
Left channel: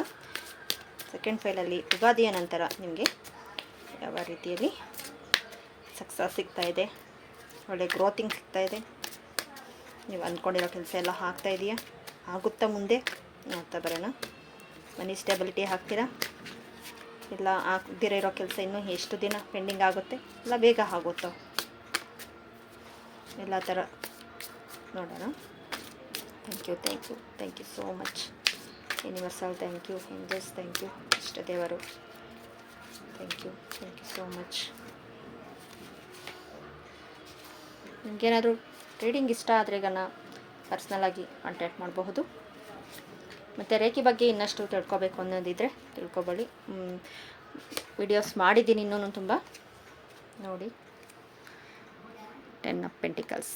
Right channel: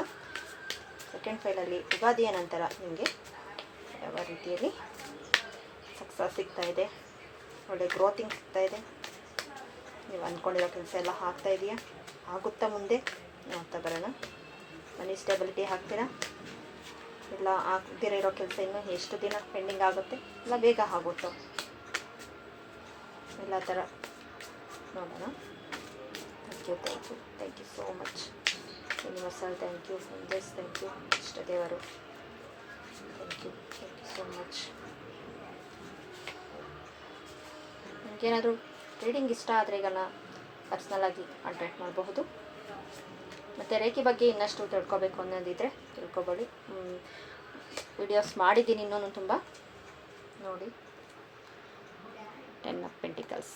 ಸೆಕೆಂಡ್ ಫೈಲಲ್ಲಿ ಯುಗಾದಿಯ ನಂತರ ನಿಮಗೆ ಯಾವ ರೀತಿಯಲ್ಲಿ ಸಕ್ಸಸ್ ಸಿಗ್ತಾ ಇದೆ, ಒಳ್ಳೆ ಗ್ರೋತಿಂಗ್ ಸಿಗ್ತಾ ಇದೆ, ನೀವು ಅಂದ್ಕೊಂಡಿರೋ ಕೆಲಸ ಎಲ್ಲ ಆಗ್ತಾಯಿದೆಯಾ, ಆಗುತ್ತಾ ಮುಂದೆ ನೋಡ್ತಾ ಬರೋಣ. ಮನಿ ಸ್ಟೆಬಿಲಿಟಿ ಹಾಕ್ತೀರಾ, ಇಲ್ಲ ಆಗದಿರೋ ಇರೋ ಕೆಲಸ ಇನ್ನೂ ಎಷ್ಟು ದಿನ ಪೆಂಡಿಂಗ್ ಆಗುತ್ತೆ, ಇಲ್ಲ ಬೇಗ ಆಗುತ್ತೋ, ಎಲ್ಲ ಥರ ನೋಡೋಣ. Thank you so much. Universal thank you, angels thank you, ಇಷ್ಟ ದೇವರು ಥ್ಯಾಂಕ್ ಯು ಸೋ ಮಚ್. ನಿಮಗೇನಾದರೂ ರೀಡಿಂಗ್ ಇಷ್ಟ ಆದರೆ ಪರ್ಸ್ನಲಾಗಿ ಕಾಂಟ್ಯಾಕ್ಟ್ ಮಾಡಬಹುದು. ಮತ್ತು ರೇಖೆ ಬಗ್ಗೆ ಇನ್ನಷ್ಟು ತಿಳ್ಕೊಬೇಕು ಅನ್ನೋದಿದ್ದರೆ ತಿಳ್ಕೊಬೇಡಿ. ವಿಡಿಯೋಸ್ ಮಾಡಿದ್ದೀನಿ ಇನ್ನೂ ತುಂಬ ನೋಡಿ. 10 ಆಫ್ ಪೆಂಟಿಕಲ್ಸ್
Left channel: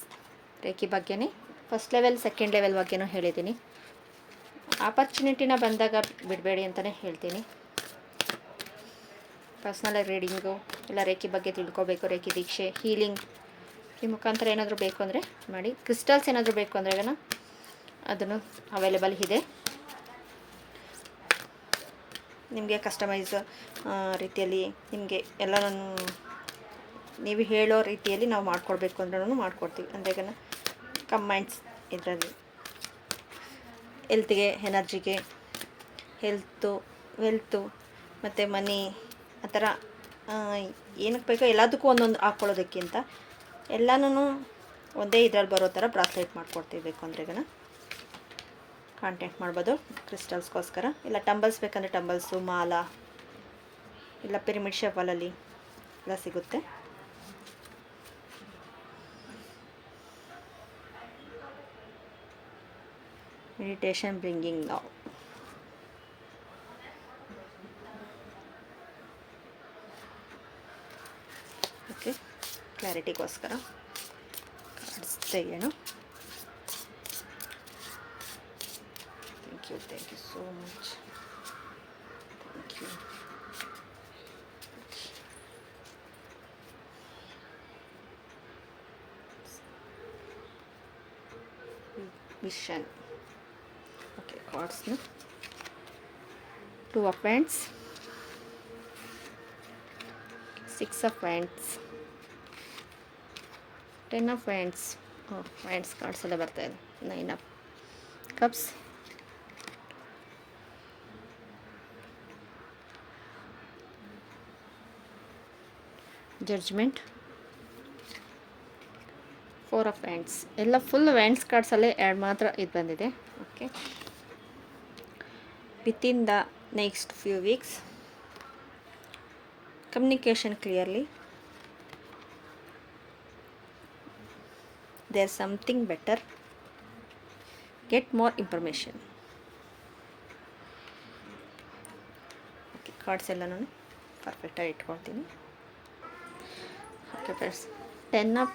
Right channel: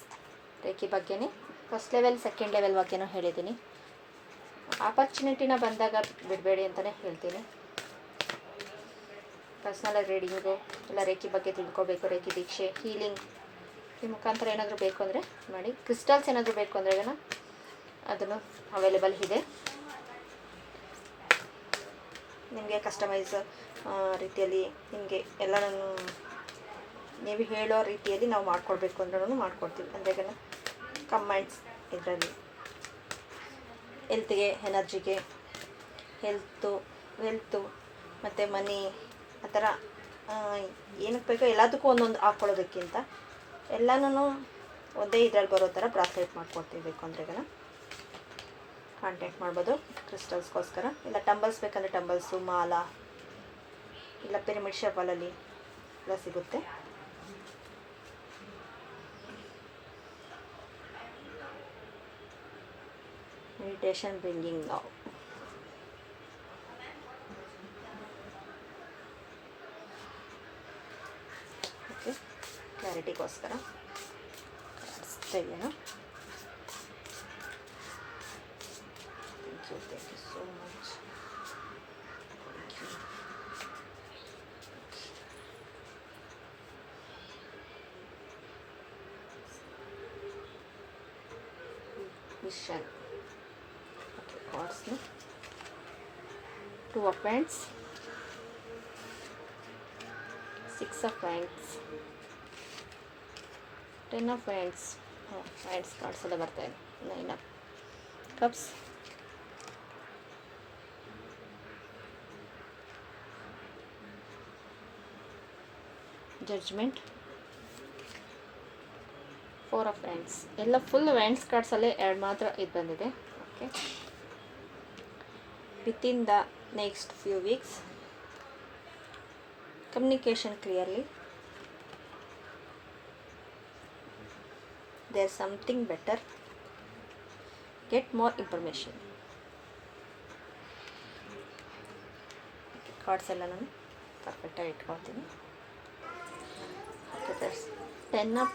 ರೇಖೆ ಬಗ್ಗೆನೇ ಫಸ್ಟ್ ಲೆವೆಲ್ ಸೆಕೆಂಡ್ ಲೆವೆಲ್ ಬಗ್ಗೆನೂ ಹೇಳಿದ್ದೀನಿ. ಆಪರ್ಚುನಿಟಿನ ಬಂದಾಗ ಬಿಡಬೇಡಿ ಅಂತಲೇ ಹೇಳ್ತೀನಿ. ಪರ್ಸ್ನಲ್ ರೀಡಿಂಗು ಇಲ್ಲ ರೇಖೆ ಬಗ್ಗೆ ತಿಳ್ಕೊಬೇಕು, ರೇಖೆ ದೀಕ್ಷೆ, ಹೀಲಿಂಗ್ ಈ ಮುಖಾಂತರ ಏನಾದರೂ ಬೇಕು ಅಂದರೆ ಮಾಡಿ. ಕ್ರಿಸ್ಟಲ್ಸ್ ಏನಾದರೂ ಬೇಕು ಅಂದರೆ ಅದನ್ನು ಅವೈಲೇಬಲ್ ಇದೆ. ನಿಮಗೆ ಕಸ್ಟಮೈಸ್ ರೀತಿಯಲ್ಲಿ ನಿಮಗೆ ಎಲ್ಲನೂ ನೀವು ಹೇಳೋ ರೀತಿಯಲ್ಲಿ ನಾವು ಮಾಡ್ಕೊಡ್ಬೇಕು ಅಂದ್ರೂ ಮಾಡ್ಕೊಡ್ತೀವಿ. ಅಂದರೆ ಕಮೆಂಟ್ಸ್ ಇದರಲ್ಲಿ ಹೆಲ್ತಿಗೆ, ಎನರ್ಜಿಗೆ, ವೆಲ್ತು ಮತ್ತು ಮನಿ ಆ ಥರ ಏನಕ್ಕೆ ಬೇಕೋ ಎಲ್ಲದಕ್ಕೂ ಒಂದೊಂದು ಹಾಕ್ಕೊಳ್ಳೋದಕ್ಕಿಂತ ಎಲ್ಲನೂ ಒಂದೇ ಇದರಲ್ಲಿ ಬರೋ ಥರ ಬ್ರಾಸ್ಲೆಟ್ ಮಾಡ್ಕೊಡ್ತೀವಿ. ಬೇಕು ಅಂದರೆ ಕಾಂಟ್ಯಾಕ್ಟ್ ಮಾಡ್ಬೋದು ಕ್ರಿಸ್ಟಲ್ಸ್ಗೋಸ್ಕರ. ಇಲ್ಲ ಟಂಬಲ್ಸ್ ಬೇಕಂದರೆ ಟಂಬಲ್ಸು, ಮಾಲಾ, ಇಲ್ಲ ಪಿರಮಿಡ್ ಶೇಪಲ್ಲಿ ಎಲ್ಲ ಸಿಗುತ್ತೆ. Meditation bringing now. ಓಕೆ, ಕ್ಲಾರಿಟಿಗೋಸ್ಕರ ತೆಗೆಯೋಣ. Thank you so much. Vision. Okay, ಕಾರ್ಡ್ಸ್ನ 2 of Wands, 6 of Wands, 10 of Wands. Wands cards ಎಲ್ಲ ಬರ್ತಾ ಇದೆ. 9 of Cups, judgement, 4 of Wands. ಎಲ್ಲ ಫುಲ್ ವ್ಯಾಂಡ್ಸ್ ಕಾರ್ಡ್ಸಲ್ಲೇ 2 ಮಾತ್ರ ಇದು ಬಂದಿದೆ. Okay, within the next few weeks communication clearly, there's something better, get more information. Cards ಎಲ್ಲ ನಾನು ಪರ್ಫೆಕ್ಟಾಗಿ ಇಟ್ಕೊಳ್ತೀನಿ. ಓಕೆ ಫ್ರೆಂಡ್ಸ್, 10 of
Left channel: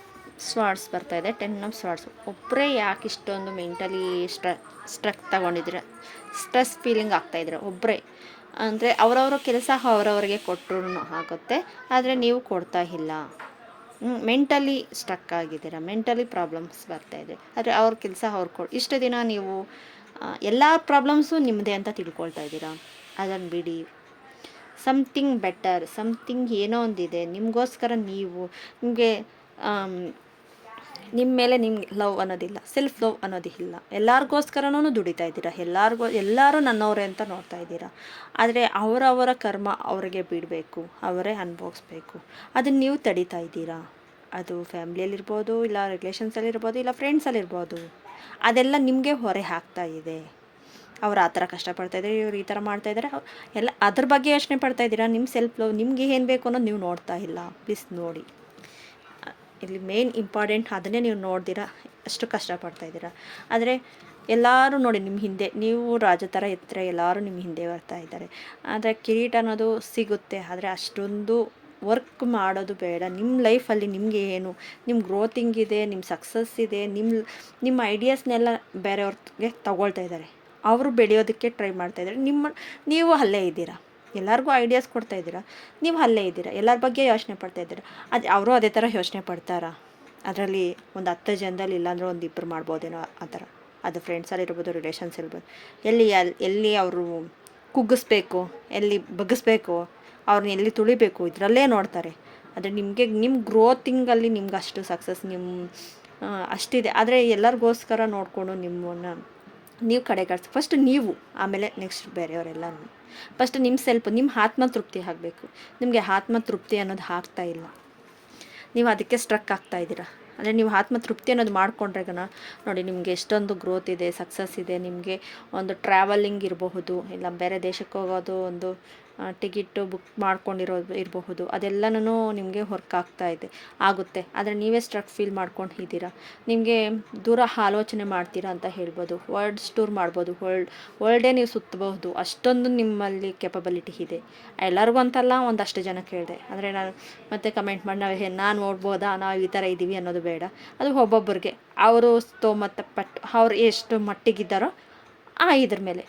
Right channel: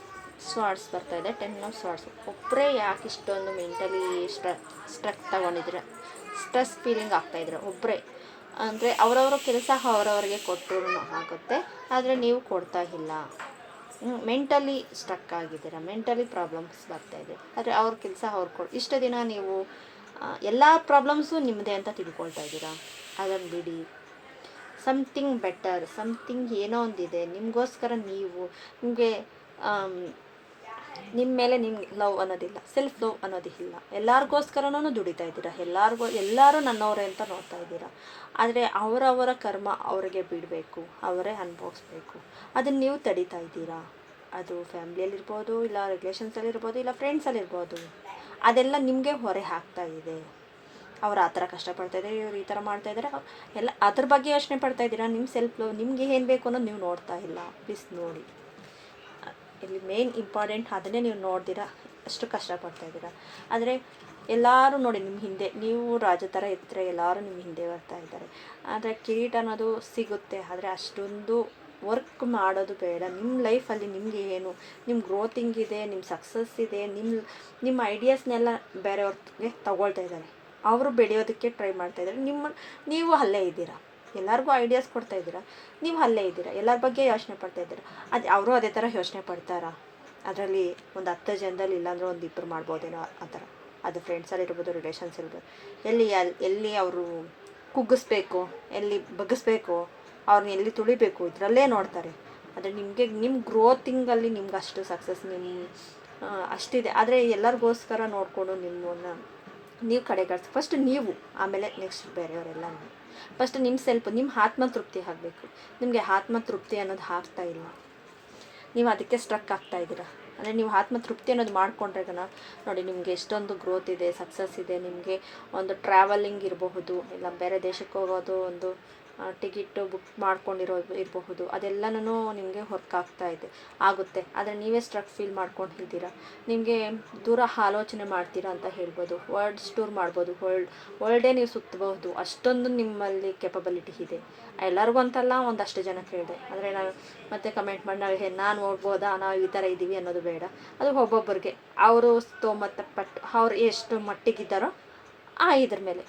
Swords ಬರ್ತಾ ಇದೆ. 10 of Swords ಒಬ್ಬರೇ ಯಾಕೆ ಇಷ್ಟೊಂದು ಮೆಂಟಲಿ ಸ್ಟ್ರಕ್ ತಗೊಂಡಿದ್ರೆ, ಸ್ಟ್ರೆಸ್ ಫೀಲಿಂಗ್ ಆಗ್ತಾಯಿದ್ರೆ ಒಬ್ಬರೇ ಅಂದರೆ ಅವರವರ ಕೆಲಸ ಅವರವರಿಗೆ ಕೊಟ್ಟರು ಆಗುತ್ತೆ, ಆದರೆ ನೀವು ಕೊಡ್ತಾ ಇಲ್ಲ. ಮೆಂಟಲಿ ಸ್ಟ್ರಕ್ ಆಗಿದ್ದೀರಾ, ಮೆಂಟಲಿ ಪ್ರಾಬ್ಲಮ್ಸ್ ಬರ್ತಾಯಿದೆ, ಆದರೆ ಅವ್ರ ಕೆಲಸ ಅವ್ರು ಇಷ್ಟು ದಿನ ನೀವು ಎಲ್ಲ ಪ್ರಾಬ್ಲಮ್ಸು ನಿಮ್ಮದೇ ಅಂತ ತಿಳ್ಕೊಳ್ತಾ ಇದ್ದೀರಾ. ಅದನ್ನು ಬಿಡಿ, ಸಮಥಿಂಗ್ ಬೆಟರ್, ಸಮಥಿಂಗ್ ಏನೋ ಒಂದಿದೆ ನಿಮಗೋಸ್ಕರ. ನೀವು ನಿಮಗೆ ನಿಮ್ಮ ಮೇಲೆ ನಿಮ್ಗೆ ಲವ್ ಅನ್ನೋದಿಲ್ಲ, ಸೆಲ್ಫ್ ಲವ್ ಅನ್ನೋದಿಲ್ಲ. ಎಲ್ಲರಿಗೋಸ್ಕರನೂ ದುಡಿತಾ ಇದ್ದೀರಾ, ಎಲ್ಲರೂ ನನ್ನವರೇ ಅಂತ ನೋಡ್ತಾ ಇದ್ದೀರಾ. ಆದರೆ ಅವರವರ ಕರ್ಮ ಅವರಿಗೆ ಬಿಡಬೇಕು, ಅವರೇ ಅನುಭವಿಸ್ಬೇಕು. ಅದನ್ನು ನೀವು ತಡೀತಾ ಇದ್ದೀರಾ. ಅದು ಫ್ಯಾಮ್ಲಿಯಲ್ಲಿರ್ಬೋದು, ಇಲ್ಲ ರಿಲೇಷನ್ಸಲ್ಲಿರ್ಬೋದು, ಇಲ್ಲ ಫ್ರೆಂಡ್ಸಲ್ಲಿರ್ಬೋದು. ಅದೆಲ್ಲ ನಿಮಗೆ ಹೊರೆ ಹಾಕ್ತಾ ಇದೆ. ಅವ್ರು ಆ ಥರ ಕಷ್ಟಪಡ್ತಾಯಿದ್ದಾರೆ, ಇವ್ರು ಈ ಥರ ಮಾಡ್ತಾಯಿದ್ದಾರೆ, ಎಲ್ಲ ಅದ್ರ ಬಗ್ಗೆ ಯೋಚನೆ ಪಡ್ತಾಯಿದ್ದೀರಾ. ನಿಮ್ಮ ಸೆಲ್ಫ್ ಲವ್ ನಿಮಗೆ ಏನು ಬೇಕು ಅನ್ನೋದು ನೀವು ನೋಡ್ತಾ ಇಲ್ಲ. ಪ್ಲೀಸ್ ನೋಡಿ, ಇಲ್ಲಿ ಮೇನ್ ಇಂಪಾರ್ಟೆಂಟ್ ಅದನ್ನೇ ನೀವು ನೋಡ್ದಿರಾ ಅಷ್ಟು ಕಷ್ಟಪಡ್ತಾಯಿದ್ದೀರಾ. ಆದರೆ ಎಲ್ಲರೂ ನೋಡಿ ನಿಮ್ಮ ಹಿಂದೆ, ನೀವು ರಾಜ ಥರ ಇರ್ತಾರೆ, ಎಲ್ಲರೂ ನಿಮ್ಮ ಹಿಂದೆ ಬರ್ತಾ ಇದ್ದಾರೆ. ಆದರೆ ಕಿರೀಟ ಅನ್ನೋದು ಸಿಗುತ್ತೆ, ಆದರೆ ಅಷ್ಟೊಂದು ವರ್ಕ್ ಮಾಡೋದು ಬೇಡ. ನಿಮ್ಮ ಲೈಫಲ್ಲಿ ನಿಮಗೆ ಏನು, ನಿಮ್ಮ ಗ್ರೋತಿಂಗ್ ಇದೆ, ನಿಮ್ಮ ಸಕ್ಸಸ್ ಇದೆ, ನಿಮ್ಮ ಐಡಿಯಾಸ್ನೆಲ್ಲ ಬೇರೆಯವ್ರಿಗೆ ತಗೊಳ್ತಾ ಇದ್ದಾರೆ. ಅವರು ಬೆಳೆಯೋದಕ್ಕೆ ಟ್ರೈ ಮಾಡ್ತಾಯಿದ್ದಾರೆ. ನೀವು ಅಲ್ಲೇ ಇದ್ದೀರಾ. ಎಲ್ಲರಿಗೂ ಐಡಿಯಾಸ್ ಕೊಡ್ತಾ ಇದ್ದೀರಾ, ನೀವು ಅಲ್ಲೇ ಇದ್ದೀರಾ. ಎಲ್ಲರ ಬಗ್ಗೆ ಯೋಚನೆ ಪಡ್ತಾಯಿದ್ದೀರಾ. ಅದು ಅವರು ಅದೇ ಥರ ಯೋಚನೆ ಪಡ್ತಾರಾ? ಅದರಲ್ಲಿ ಒಂದು 10 ಜನದಲ್ಲಿ ಇಲ್ಲಾಂದ್ರೆ ಒಂದು 2 ಮಾಡ್ಬೋದೇನೋ ಆ ಥರ. ಅದು ಫ್ರೆಂಡ್ಸಲ್ಲಿರ್ಬೋದು, ರಿಲೇಷನ್ಸ್ ಇರ್ಬೋದು. ಎಲ್ಲಿ ಅವರು ಕುಗ್ಗಿಸ್ಬೇಕು, ಎಲ್ಲಿ ಬಗ್ಗಿಸ್ಬೇಕು, ಅವ್ರನ್ನ ಎಲ್ಲಿ ತುಳಿಬೇಕು, ಇದರಲ್ಲೇ ನೋಡ್ತಾರೆ. ಆದರೆ ನಿಮ್ಮ ಗ್ರೋತಿಂಗಲ್ಲಿ ನಿಮ್ಗೆ ಅಷ್ಟು ಸಕ್ಸಸ್ ಅಷ್ಟಿದೆ. ಆದರೆ ಎಲ್ಲರಿಗೋಸ್ಕರ ನೋಡಿಕೊಂಡು ನಿಮ್ಮನ್ನು ನೀವು ಕಡೆಗಣಿಸಿ. ಫಸ್ಟ್ ನೀವು, ಆಮೇಲೆ ನೆಕ್ಸ್ಟ್ ಬೇರೆಯವರೆಲ್ಲ. ಫಸ್ಟ್ ನಿಮ್ಮ ಆತ್ಮತೃಪ್ತಿ ಆಗಬೇಕು. ನಿಮಗೆ ಆತ್ಮತೃಪ್ತಿ ಅನ್ನೋದು ಆಗ್ತಾ ಇಲ್ಲ, ನೀವು ಅದಕ್ಕೆ ಸ್ಟ್ರಕ್ ಆಗ್ತಾಯಿದ್ದೀರಾ. ಅಂದರೆ ನೀವು ಆತ್ಮತೃಪ್ತಿ ಅನ್ನೋದು ಮಾಡಿಕೊಂಡ್ರೆಗನ ನೋಡಿ, ನಿಮಗೆ ಎಷ್ಟೊಂದು ಗ್ರೋತ್ ಇದೆ, ಸಕ್ಸಸ್ ಇದೆ. ನಿಮಗೆ ಒಂದು ಟ್ರಾವೆಲಿಂಗ್ ಇರಬಹುದು, ಇಲ್ಲ ಬೇರೆ ದೇಶಕ್ಕೆ ಹೋಗೋದು, ಒಂದು ಟಿಕೆಟು ಬುಕ್ ಮಾಡ್ಕೊಂಡಿರೋದು ಇರಬಹುದು. ಅದೆಲ್ಲನೂ ನಿಮಗೆ ವರ್ಕ್ ಆಗುತ್ತೆ. ಆದರೆ ನೀವೇ ಸ್ಟ್ರಕ್ ಫೀಲ್ ಮಾಡ್ಕೊಂಡಿದ್ದೀರಾ. ನಿಮಗೆ ದೂರ ಆಲೋಚನೆ ಮಾಡ್ತೀರಾ ಅಂತ ಹೇಳ್ಬೋದು. ವರ್ಲ್ಡ್ಸ್ ಟೂರ್ ಮಾಡ್ಬೋದು, ವರ್ಲ್ಡೇ ನೀವು ಸುತ್ತಬಹುದು. ಅಷ್ಟೊಂದು ನಿಮ್ಮಲ್ಲಿ ಕೆಪಬಿಲಿಟಿ ಇದೆ. ಎಲ್ಲರಿಗೂ ಅಂತಲ್ಲ, ಒಂದಷ್ಟು ಜನಕ್ಕೆ ಹೇಳಿದೆ. ಆದರೆ ನಾನು ಮತ್ತೆ ಕಮೆಂಟ್ ಮಾಡಿ ನಾನು ನೋಡ್ಬೋದಾ, ನಾವು ಈ ಥರ ಇದ್ದೀವಿ ಅನ್ನೋದು ಬೇಡ. ಅದು ಒಬ್ಬೊಬ್ಬರಿಗೆ ಅವರು ಸ್ತೋಮತಪಟ್ಟು ಅವ್ರು ಎಷ್ಟು ಮಟ್ಟಿಗಿದ್ದಾರೋ ಇದ್ರ ಮೇಲೆ.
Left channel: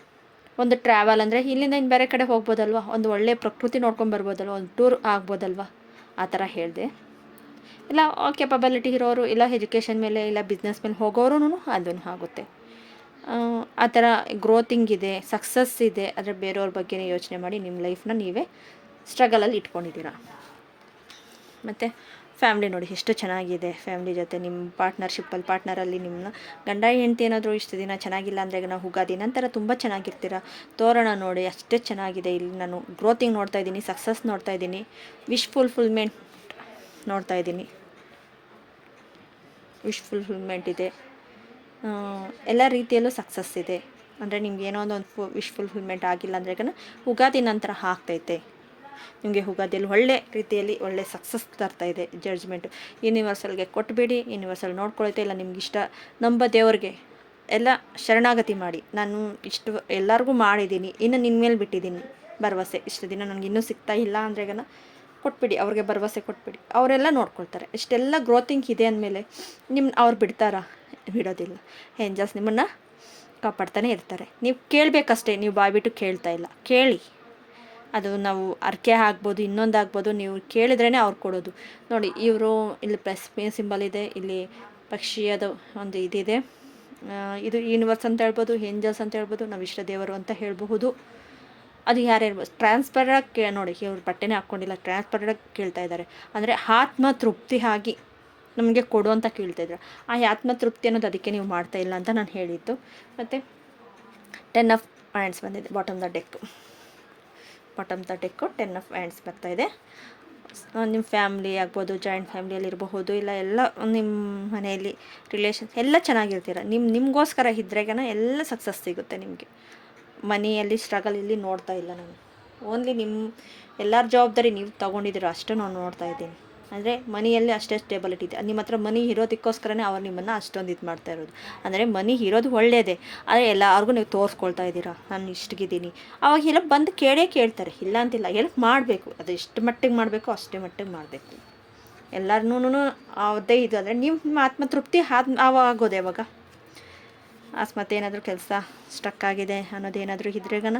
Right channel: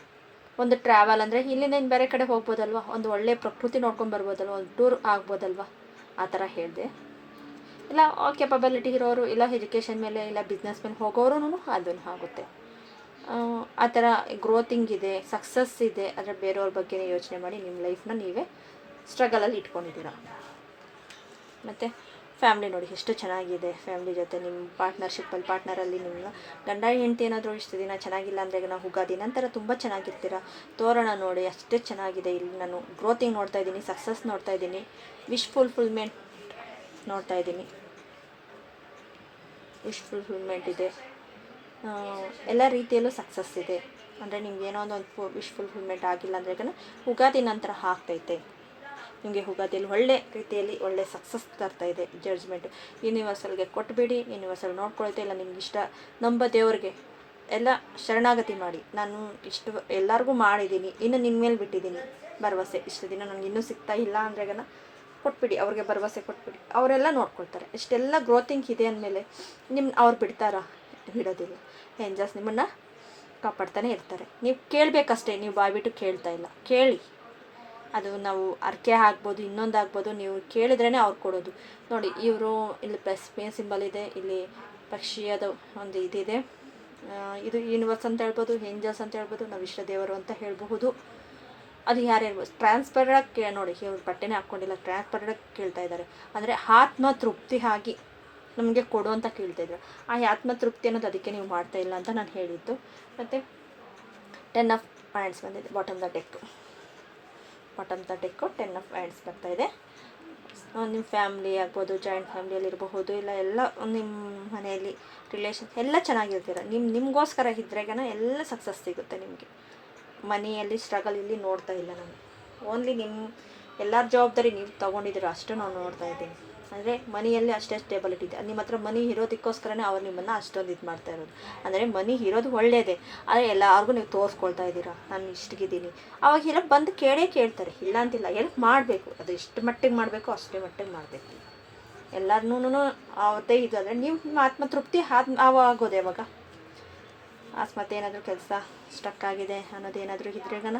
ಒಂದು ಟ್ರಾವೆಲ್ ಅಂದರೆ ಇಲ್ಲಿಂದ ಇನ್ನು ಬೇರೆ ಕಡೆ ಹೋಗ್ಬೋದಲ್ವ, ಒಂದು ಒಳ್ಳೆಯ ಪ್ರಕೃತಿ ನೋಡ್ಕೊಂಡು ಬರ್ಬೋದಲ್ವ, ಒಂದು ಟೂರ್ ಆಗ್ಬೋದಲ್ವ, ಆ ಥರ ಹೇಳಿದೆ. ಇಲ್ಲ ಕೆಪಬಿಲಿಟಿ ಇರೋರು, ಇಲ್ಲ ಎಜುಕೇಷನ್ ಮೇಲೆ, ಇಲ್ಲ ಬಿಸ್ನೆಸ್ ಮೇಲೆ ಹೋಗೋರು ಅದನ್ನು ಆಗುತ್ತೆ. ಆ ಥರ ಗ್ರೋತಿಂಗ್ ಇದೆ, ಸಕ್ಸಸ್ ಇದೆ. ಆದರೆ ಬೇರೆಯವ್ರ ಬಗ್ಗೆ ಯೋಚನೆ ಮಾಡಿ ನಿಮ್ಮ ಲೈಫ್ನ ನೀವೇ ಸ್ಟ್ರಗಲಲ್ಲಿ ಇಟ್ಕೊಂಡಿದ್ದೀರಾ. ಮತ್ತು ಫ್ಯಾಮ್ಲಿ ನೋಡಿ ಎಷ್ಟು ಚೆನ್ನಾಗಿದೆ. ಫ್ಯಾಮ್ಲಿ ಜೊತೆ ನಿಮ್ಮ ಪಾರ್ಟ್ನರಲ್ಲಿ ನಿಮ್ಮ ಗಂಡ ಹೆಂಡತಿ ಏನಾದರೂ ಇಷ್ಟು ದಿನ ಚೆನ್ನಾಗಿಲ್ಲ ಅಂದರೆ ನಾವು ಉಗಾದಿ ನಂತರ ತುಂಬ ಚೆನ್ನಾಗಿರ್ತೀರ. ತೋರಣ ನೋಡಿ ಅಷ್ಟೇ ಚೆನ್ನಾಗಿದೆ. ಇಲ್ಲಿ ನಾನು ಗ್ರೋತಿಂಗ್ ನೋಡ್ತಾ ಇದ್ದೀನಿ, ಸಕ್ಸಸ್ ನೋಡ್ತಾ ಇದ್ದೀನಿ, ವಿಶ್ ಫುಲ್ಫಿಲ್ಮೆಂಟ್ ನೋಡ್ತಾ ಇದ್ದೀನಿ. ವಿಶ್ ಫುಲ್ಫಿಲ್ಮೆಂಟ್ ಇದೆ, ಎಲ್ಲ ರೀತಿಯಲ್ಲೂ ಸಕ್ಸಸ್ ಇದೆ. ಅಂದರೆ ನಿಮ್ಗೆ ಏನೋ ಒಂದು ವಿಶ್ ಫುಲ್ಫಿಲ್ಮೆಂಟ್ ಆಗಿಲ್ಲ ಅಂದರೆ ಉಗಾದಿ ನಂತರ ಆಗ್ತೈತೆ. ನಿಮಗೆ ಉಗಾದಿಯಲ್ಲಿ ಒಳ್ಳೆ ರೀತಿಯಲ್ಲಿ ಒಳ್ಳೆ ಸಕ್ಸಸ್ ತರ್ತಾ ಇದೆ. ಜಡ್ಜ್ಮೆಂಟು ಯೂನಿವರ್ಸಲ್ಗೆ ಕೊಟ್ಬಿಡಿ, ಯೂನಿವರ್ಸಲ್ ನೋಡ್ಕೊಳ್ತಾ. ಇಲ್ಲ ನಿಮ್ಗೆ ಇಷ್ಟ ನಂಬ ದೇವ್ರಿಗೆ ಎಲ್ಲ ಶರಣಾಗತಿ ಮಾಡಿ. ನಾನು ಇಷ್ಟು ಎಲ್ಲರಿಗೂ ಮಾಡಿದ್ದೀನಿ, ಇನ್ನು ನಿನ್ನ ಮೇಲೆ ಬಿಟ್ಟಿದ್ದೀನಿ ಭರವಸೆ. ಇಷ್ಟು ದಿನ ನನಗೆ ಇನ್ನೂ ಸಿಗ್ತಾ ಇಲ್ಲ ಅಂದರೆ ಕೊಟ್ಬಿಡಿ, ಅವ್ರಿಗೆ ಭರವಸೆ ಕೊಟ್ಬಿಡಿ, ಅವರೆಲ್ಲ ನೋಡ್ಕೊಳ್ತಾರೆ. ಇಷ್ಟೆಲ್ಲ ಗ್ರೋತಿಂಗ್ ಇದೆ ಅಂದಮೇಲೆ ಅವ್ರು ಬಿಡೋದಿಲ್ಲ. ಏಂಜಲ್ಸ್ ನಿಮ್ಮನ್ನು ಕಾಪಾಡ್ತಾನೆ ಇರ್ತಾರೆ. ನೀವು ಕೇಳಬೇಕಷ್ಟೇ, ನೀವು ಬಾಯ್ಬಿಟ್ಟು ಕೇಳ್ತಾ ಇಲ್ಲ. ಕೇಳಿ, ಅದು ನಾವು ಅರ್ಕೆ ಆಗ್ಬೋದು, ಇನ್ನೊಂದು ಆಗ್ಬೋದು. ನೀವು ಕೇಳಿದ್ರೇ ಅವ್ರು ಕೊಡೋದು. ನೋಡಿ, ಇವರು ಇಲ್ಲಿ ಪ್ಲಸ್ ಸಿಂಬಲ್ ಇದೆ, ಇಲ್ಲಿ ಪಕ್ಷಿಯದು ಒಂದು ಇದಿದೆ, ಇದು ಯೂನಿವರ್ಸ್ ಅಂತ ಹೇಳ್ಬೋದು, ಏಂಜಲ್ಸ್ ಅಂತ ಹೇಳ್ಬೋದು, ನಾವು ಇಷ್ಟ ದೇವರು ಅಂತ ಹೇಳಬಹುದು. ಅದು ಯಾರ್ಯಾರು ಟ್ರಾನ್ಸ್ಪರಾಗಿ ನೋಡಿ, ಇವ್ರು ಬಟ್ಟೆನೇ ಹಾಕ್ಕೊಂಡಿಲ್ಲ, ಟ್ರಾನ್ಸ್ಪರಾಗಿ ಕೇಳ್ತಾ ಇದ್ದಾರೆ. ಅಂದರೆ ಆತ್ಮ ತೃಪ್ತಿ ಆಗಿ ನಮಗೆ ಕೊಡು ಅಂತ ಕೇಳ್ತಾಯಿದ್ರು. ಆ ಆತ್ಮ ತೃಪ್ತಿ ಅನ್ನೋದು ಅದಕ್ಕೆ ನೀವು ಮಾಡ್ತಾ ಇಲ್ಲ ಅಂತ ನಾನು ಹೇಳಿದ್ದು. ಮತ್ತು 10 ಆಫ್ ಹ್ಯಾಂಡ್ಸ್ ಬಂದಿದೆ ಬಾಟಮ್ ದ ಡೆಕ್ಕು 10 ಆಫ್ ಹ್ಯಾಂಡ್ಸ್ ಬರ್ತಾಯಿದೆ. ನಿಮ್ಮ ಫ್ಯಾಮ್ಲಿ ಆಗ್ಬೋದು, ಜಾಯಿಂಟ್ ಫ್ಯಾಮ್ಲಿಯಲ್ಲಿ ಇರಬಹುದು, ಇಲ್ಲ ಎಲ್ಲ ನಿಮ್ಮ ಮನೆಯಲ್ಲಿ ರಿಲೇಷನ್ಸ್ ಎಲ್ಲ ಚೆನ್ನಾಗಿರ್ತೀರ. ನಿಮಗೋಸ್ಕರ ಇದ್ರೆಗನ ಎಲ್ಲ ಸಕ್ಸಸ್ ಸಿಗುತ್ತೆ ನಿಮಗೆ. ಮನಿಯಲ್ಲಿ ಸ್ಟ್ರಗಲ್ ಇಲ್ಲಿ ನೋಡ್ತಾ ಇಲ್ಲ ನಾನು. ಓನ್ಲಿ ನಿಮ್ಮ ಎಲ್ಲರ ಜವಾಬ್ದಾರಿ ನೀವು ತೊಗೊಂಡಿದ್ದೀರೋ ಅಷ್ಟು ನಾನು ನೋಡ್ತಾ ಇದ್ದೀನಿ. ಅಂದರೆ ಮನಿಯಲ್ಲಿ ಅಷ್ಟೇ ಸ್ಟೇಬಲಿಟಿ ಇದೆ. ನಿಮ್ಮ ಹತ್ರ ಮನಿ ಇರೋದಕ್ಕೋಸ್ಕರನೇ ಅವ್ರು ನಿಮ್ಮನ್ನು ಅಷ್ಟೊಂದು ಇದು ಮಾಡ್ತಾ ಇರೋದು. ಅಂದರೆ ಮನಿ ಇರೋದು ಒಳ್ಳೆಯದೇ, ಆದರೆ ಎಲ್ಲರಿಗೂ ನೀವು ತೋರಿಸ್ಕೊಳ್ತಾ ಇದ್ದೀರಾ ನಾನು ಇಷ್ಟಿಗಿದ್ದೀನಿ. ಅವಾಗ ಎಲ್ಲ ಬಂದು ಕೇಳ್ತಾರೆ, ಇಲ್ಲ ಅಂತಿಲ್ಲ, ಹೆಲ್ಪ್ ಮಾಡಬೇಕು. ಅದು ಎಷ್ಟು ಮಟ್ಟಿಗೆ ಮಾಡಬೇಕು ಅಷ್ಟೇ ಮಟ್ಟಿಗೆ ಮಾಡಬೇಕು. ಎಲ್ಲರನ್ನೂ ಅದೇ ಇದು ಅಂದರೆ ನಿಮ್ಮ ಆತ್ಮತೃಪ್ತಿ ಆಗೋದು ಯಾವಾಗ ಅಕಸ್ಮಾತ್ ಏನಾದರೂ ಕೆಲಸ ಸ್ಟಕ್ ಆಗಿದೆ ಅನ್ನೋದೇನಾದರೂ ಇದ್ರೆಗನ,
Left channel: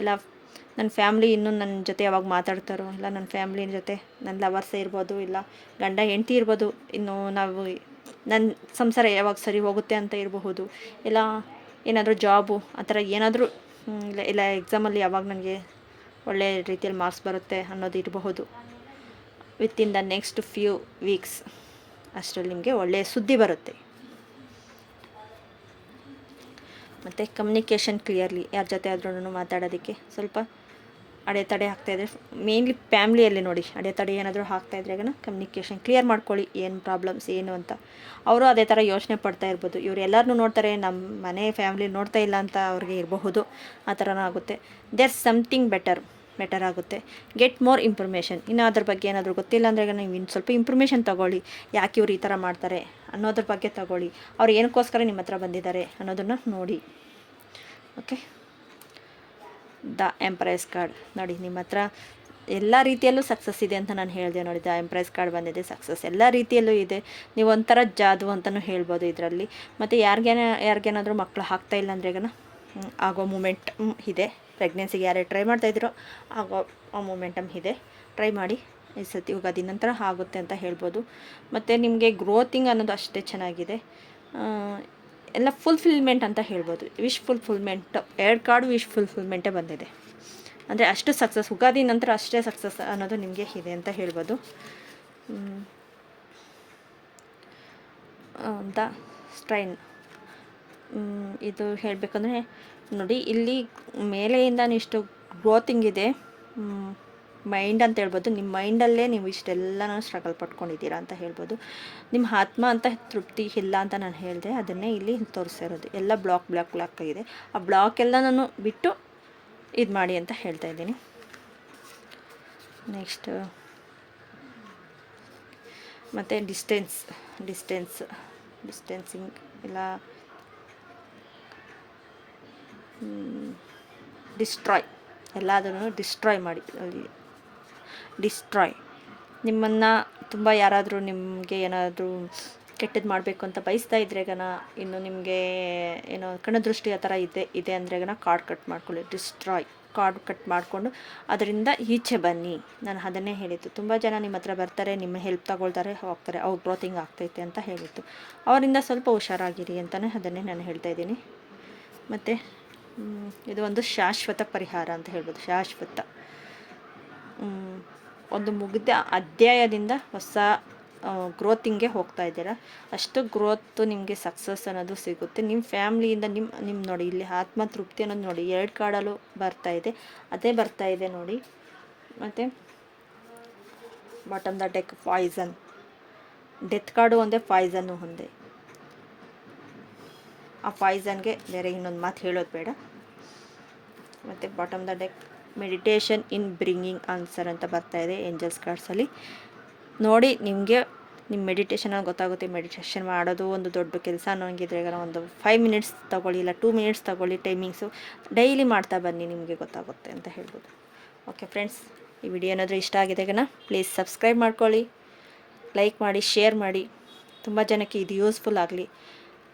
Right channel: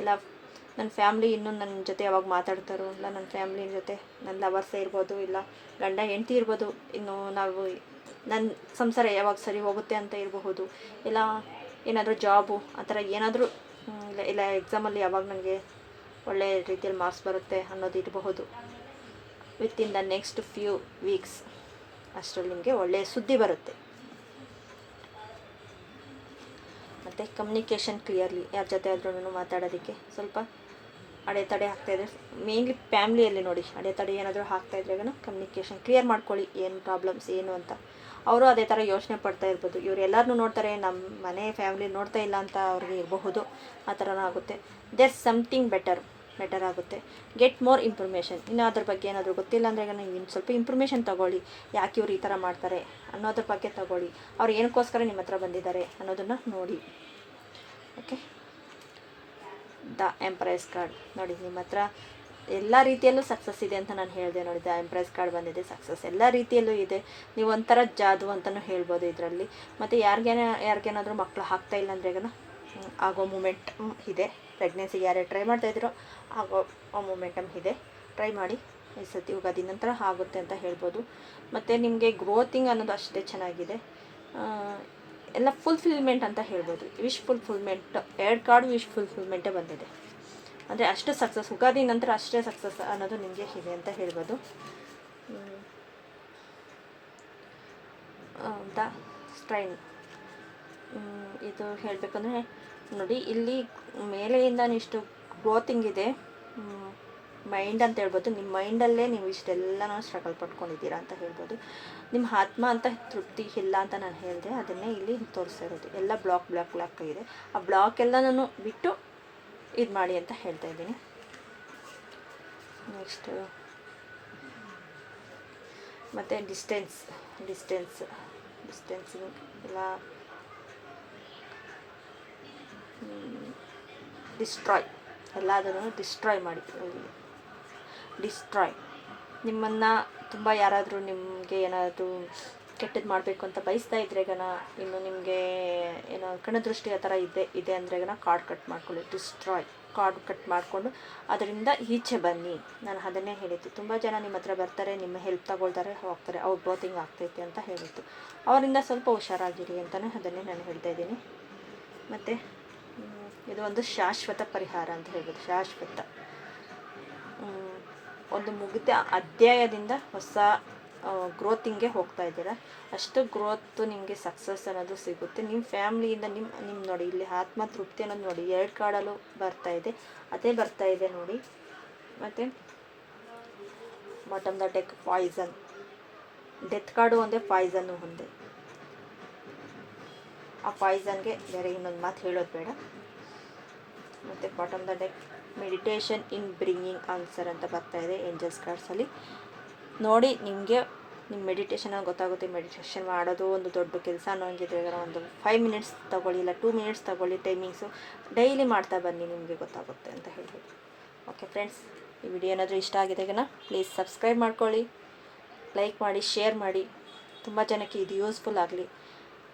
ಇಲ್ಲ ನನ್ನ ಫ್ಯಾಮ್ಲಿ ಇನ್ನೂ ನನ್ನ ಜೊತೆ ಯಾವಾಗ ಮಾತಾಡ್ತಾರೋ, ಇಲ್ಲ ನನ್ನ ಫ್ಯಾಮ್ಲಿ ಜೊತೆ ನನ್ನ ಲವರ್ಸೇ ಇರ್ಬೋದು, ಇಲ್ಲ ಗಂಡ ಹೆಂಡತಿ ಇರ್ಬೋದು, ಇನ್ನು ನಾವು ನನ್ನ ಸಂಸಾರ ಯಾವಾಗ ಸರಿ ಹೋಗುತ್ತೆ ಅಂತ ಇರಬಹುದು, ಇಲ್ಲ ಏನಾದರೂ ಜಾಬು ಆ ಥರ ಏನಾದರೂ, ಇಲ್ಲ ಎಕ್ಸಾಮಲ್ಲಿ ಯಾವಾಗ ನನಗೆ ಒಳ್ಳೆ ರೀತಿಯಲ್ಲಿ ಮಾರ್ಕ್ಸ್ ಬರುತ್ತೆ ಅನ್ನೋದು ಇರಬಹುದು. Within the next few weeks ಅಷ್ಟರಲ್ಲಿ ನಿಮಗೆ ಒಳ್ಳೆಯ ಸುದ್ದಿ ಬರುತ್ತೆ. ಮತ್ತು ಕಮ್ಯುನಿಕೇಷನ್ ಕ್ಲಿಯರ್ಲಿ ಯಾರ ಜೊತೆ ಆದ್ರೂ ಮಾತಾಡೋದಕ್ಕೆ ಸ್ವಲ್ಪ ಅಡೆತಡೆ ಆಗ್ತಾಯಿದ್ರೆ, ಮೇನ್ಲಿ ಫ್ಯಾಮ್ಲಿಯಲ್ಲಿ ನೋಡಿ ಅಡೆತಡೆ ಏನಾದರೂ ಆಗ್ತಾಯಿದ್ರೆ ಕಮ್ಯುನಿಕೇಷನ್ ಕ್ಲಿಯರ್ ಮಾಡ್ಕೊಳ್ಳಿ. ಏನು ಪ್ರಾಬ್ಲಮ್ಸ್ ಏನು ಅಂತ ಅವರು ಅದೇ ಥರ ಯೋಚನೆ ಪಡ್ತಾ ಇರ್ಬೋದು. ಇವ್ರು ಎಲ್ಲರನ್ನೂ ನೋಡ್ತಾರೆ, ನಮ್ಮ ಮನೆ ಫ್ಯಾಮ್ಲಿ ನೋಡ್ತಾ ಇಲ್ಲ ಅಂತ ಅವ್ರಿಗೆ ಇರಬಹುದು. ಆ ಥರನೂ ಆಗುತ್ತೆ. ದೇರ್ ಸಮಥಿಂಗ್ ಬೆಟರ್ ಆಗುತ್ತೆ. Get more information. ಇನ್ನು ಅದ್ರ ಬಗ್ಗೆ ಏನಾದರೂ ಗೊತ್ತಿಲ್ಲ ಅಂದರೆ ನೀವು ಇನ್ನು ಸ್ವಲ್ಪ ಇನ್ಫಾರ್ಮೇಷನ್ ತೊಗೊಳ್ಳಿ. ಯಾಕೆ ಇವ್ರು ಈ ಥರ ಮಾಡ್ತಾರೆ ಅನ್ನೋದ್ರ ಬಗ್ಗೆ ತೊಗೊಳ್ಳಿ. ಅವ್ರು ಏನಕ್ಕೋಸ್ಕರ ನಿಮ್ಮ ಹತ್ರ ಬಂದಿದ್ದಾರೆ ಅನ್ನೋದನ್ನು ನೋಡಿ. ಓಕೆ, ದ ಎಂಪ್ರೆಸ್ ಕಾರ್ಡ್ ನೋಡಿ, ನಿಮ್ಮ ಹತ್ರ ಎಲ್ಲ ರೀತಿಯಲ್ಲೂ ಸಕ್ಸಸ್ ಇದೆ ಅಂತ ನಾನು ಹೇಳಿದೆ ನೋಡಿ. ದ ಎಂಪ್ರೆಸ್ ಕಾರ್ಡ್ ಬಂದಿದೆ, ಸಕ್ಸಸ್ ಎಲ್ಲ ರೀತಿಯಲ್ಲೂ ಇದೆ. ನೀವು ಒಂಥರ ಜಾದು ಅಂತಲೂ ಹೇಳ್ಬೋದು ಇದರಲ್ಲಿ. ಮತ್ತು ಯಾರಿಗೇನಾದರೂ ಮಕ್ಕಳು ಆಗ್ತಾಯಿಲ್ಲ ಅಂದ್ರೆ ಆಗೋ ಮೂಮೆಂಟ್ ಇದೆ. ಪ್ರೆಗ್ನೆನ್ಸಿಗೆ ಯಾರೇ ಟ್ರೈ ಮಾಡ್ತಾಯಿದ್ದೀರೋ ಆಗೋ ಆ ಮೂಮೆಂಟಮ್ ಇದೆ. ಟ್ರೈ ಮಾಡಿ, ಈ ಸತಿ ಯುಗಾದಿ ನಂತರ ಆಗುತ್ತೆ ಅಂತ ಹೇಳ್ಬೋದು. ಮತ್ತು ನಿಮಗೆ ಗ್ರೋತಿಂಗ್ ಅನ್ನೋದು ಅಷ್ಟೇ ಚೆನ್ನಾಗಿದೆ. ಎಲ್ಲ ಫುಲ್ಫಿಲ್ಮೆಂಟ್ ಅಂತ ಹೇಳ್ಬೋದು. ವಿಶ್ ಫುಲ್ಫಿಲ್ಮೆಂಟ್ 2 ಕಾರ್ಡು ವಿಶ್ ಫುಲ್ಫಿಲ್ಮೆಂಟೇ ಬಂದಿದೆ. ಅಂದರೆ ಅಷ್ಟು ಸಕ್ಸಸ್, ಯುಗಾದಿ ನಂತರ ಅಷ್ಟೇ ಸಕ್ಸಸ್ ಅನ್ನೋದು ನಿಮಗೆ ಇದೆ ಅಂತ ಹೇಳ್ಬೋದು. ದ ಸ್ಟ್ರೈನ್ ಇದು ಹೇಳಬೇಕಂದ್ರೆ ನೋಡಿ, ಇಲ್ಲಿ ಮೇಲೆಯಿಂದನೂ ಇಷ್ಟು ಗ್ರೋತಿಂಗ್ ಇದೆ. ಮೈಂಡ್ ಅಂತ ಹೇಳ್ಬೋದು. ನಿಮ್ಮ ಮೈಂಡಲ್ಲೇ ನೀವು ಇಷ್ಟೆಲ್ಲನೂ ಸ್ಟ್ರಗಲ್ ಪಟ್ಕೊಂಡಿದ್ದೀರಾ ಅಂತ ಹೇಳ್ಬೋದು. ನಿಮ್ಮ ಆತ್ಮ ಅಂತ ತೃಪ್ತಿ ಇಲ್ಲ ಅಂತ ನಾನು ಹೇಳಿದೆ, ಅದನ್ನೇ ಇಲ್ಲಿ ತೋರಿಸ್ತಾ ಎಲ್ಲ ಬ್ಲಾಕ್ ಆಗಿದೆ. ಆ ಬ್ಲಾಕ್ ಎಲ್ಲನೂ ಬಿಟ್ಟು ಇದು ಮಾಡಿ ಅಂತ ಹೇಳ್ತಾ ಇದ್ದೀನಿ. ನೆಕ್ಸ್ಟ್ ಮತ್ತು ಡಿಸ್ಟೆನ್ಸಿಂಗ್ ಎಲ್ಲ ಡಿಸ್ಟ್ರಾಯ್, ಎಲ್ಲದನ್ನು ಡಿಸ್ಟ್ರಾಯ್ ಮಾಡಿ. ನಿಮ್ಮನ್ನು ತುಂಬ ಯಾರಾದರೂ ನಿಮಗೆ ಏನಾದರೂ ಕೆಟ್ಟದ್ದು ಮಾಡಬೇಕು ಅಂತ ಬಯಸ್ತಾ ಇದ್ರೆಗನ, ಇನ್ನು ನಿಮಗೆ ಏನೋ ಕಣ್ಣದೃಷ್ಟಿ ಆ ಥರ ಇದೆ ಅಂದ್ರೆಗನ ಕಾರ್ಡ್ ಕಟ್ ಮಾಡ್ಕೊಳ್ಳಿ. ಕಾರ್ಡ್ ಕಟ್ ಮಾಡಿಕೊಂಡು ಅದರಿಂದ ಈಚೆ ಬನ್ನಿ. ನಾನು ಅದನ್ನೇ ಹೇಳಿದ್ದು. ತುಂಬ ಜನ ನಿಮ್ಮ ಹತ್ರ ಬರ್ತಾರೆ, ನಿಮ್ಮ ಹೆಲ್ಪ್ ತಗೊಳ್ತಾರೆ, ಹೋಗ್ತಾರೆ, ಅವ್ರು ಗ್ರೋತಿಂಗ್ ಆಗ್ತೈತೆ ಅಂತ ಹೇಳಿದ್ದು. ಅವರಿಂದ ಸ್ವಲ್ಪ ಹುಷಾರಾಗಿರಿ ಅಂತಲೇ ಅದನ್ನೇ ನಾನು ಹೇಳ್ತಾ ಇದ್ದೀನಿ. ಮತ್ತು ಇದು ಒಂದು ಶಾಶ್ವತ ಪರಿಹಾರ ಅಂತ ಹೇಳ್ಬೋದು. ಶಾಶ್ವತ ಒಂದು ಮುಗಿದ ಅಧ್ಯಾಯದಿಂದ ಹೊಸ ಗ್ರೋತಿಂಗ್ಗೆ ಹೋಗ್ತಾ ಇದ್ದೀರಾ. ಅಷ್ಟು ಗ್ರೋತು ನಿಮಗೆ ಸಕ್ಸಸ್ ಅನ್ನೋದು ಸಿಗುತ್ತೆ. ನಿಮ್ಮ ಫ್ಯಾಮ್ಲಿಯಿಂದ ನಿಮ್ಮ ನೋಡಿ, ಇಲ್ಲಿ ಆತ್ಮ ತೃಪ್ತಿ ಅನ್ನೋದು ನೋಡಿ 2 ಕಾರ್ಡಲ್ಲೂ ಅದೇ ಬರ್ತಾ ಇದೆ ನೋಡಿ. ಮತ್ತು bottom the deck poison, death card ಒಂದೇ, ಪಾಯ್ಸನ್ನು ಒಂದೇ. ಆ ಪಾಯ್ಸನ್ಗೆ ಬೇರೆ ಇನ್ನೊಂದು ಮಾತು ಹೇಳೋದು ಬೇಡ. ಮತ್ತು bottom the deck meditation in bringing answer ಅಂತ ಬರ್ತಾಯಿದೆ ಏಂಜಲ್ಸ್ ಕಾರ್ಡ್ಸಲ್ಲಿ. ನೋಡಿ, ನಿಮಗೆ ನಿಮ್ಮ ಮೆಡಿಟೇಷನಲ್ಲಿ ಗೊತ್ತಾಗುತ್ತೆ. ಮೆಡಿಟೇಷನ್ ಮಾಡೋದು ಒಂದು ದೊಡ್ಡ ಕೆಲಸ ಅನ್ನೋಂಗಿದ್ರೆ ಒಂದು 5 ಮಿನಿಟ್ಸ್ ತೊಗೊಳ್ಳಿ, ಇಲ್ಲ 2 ಮಿನಿಟ್ಸ್ ತೊಗೊಳ್ಳಿ. ಟೈಮಿಂಗ್ಸು ಡೈಲಿ ಮಾಡ್ತಾ ಬನ್ನಿ, ನಿಮಗೆ ಗೊತ್ತಾಗುತ್ತೆ ಅಂತ ಹೇಳ್ಬೋದು. ಓಕೆ ಫ್ರೆಂಡ್ಸ್, ಈ ವಿಡಿಯೋ ಏನಾದರೂ ಇಷ್ಟ ಆಗಿದೆಗನ ಪ್ಲೀಸ್ ಸಬ್ಸ್ಕ್ರೈಬ್ ಮಾಡ್ಕೊಳ್ಳಿ, ಲೈಕ್ ಮಾಡಿ, ಶೇರ್ ಮಾಡಿ. ತುಂಬ ಜನಕ್ಕೆ ಇದು ಯೂಸ್ಫುಲ್ ಆಗಲಿ.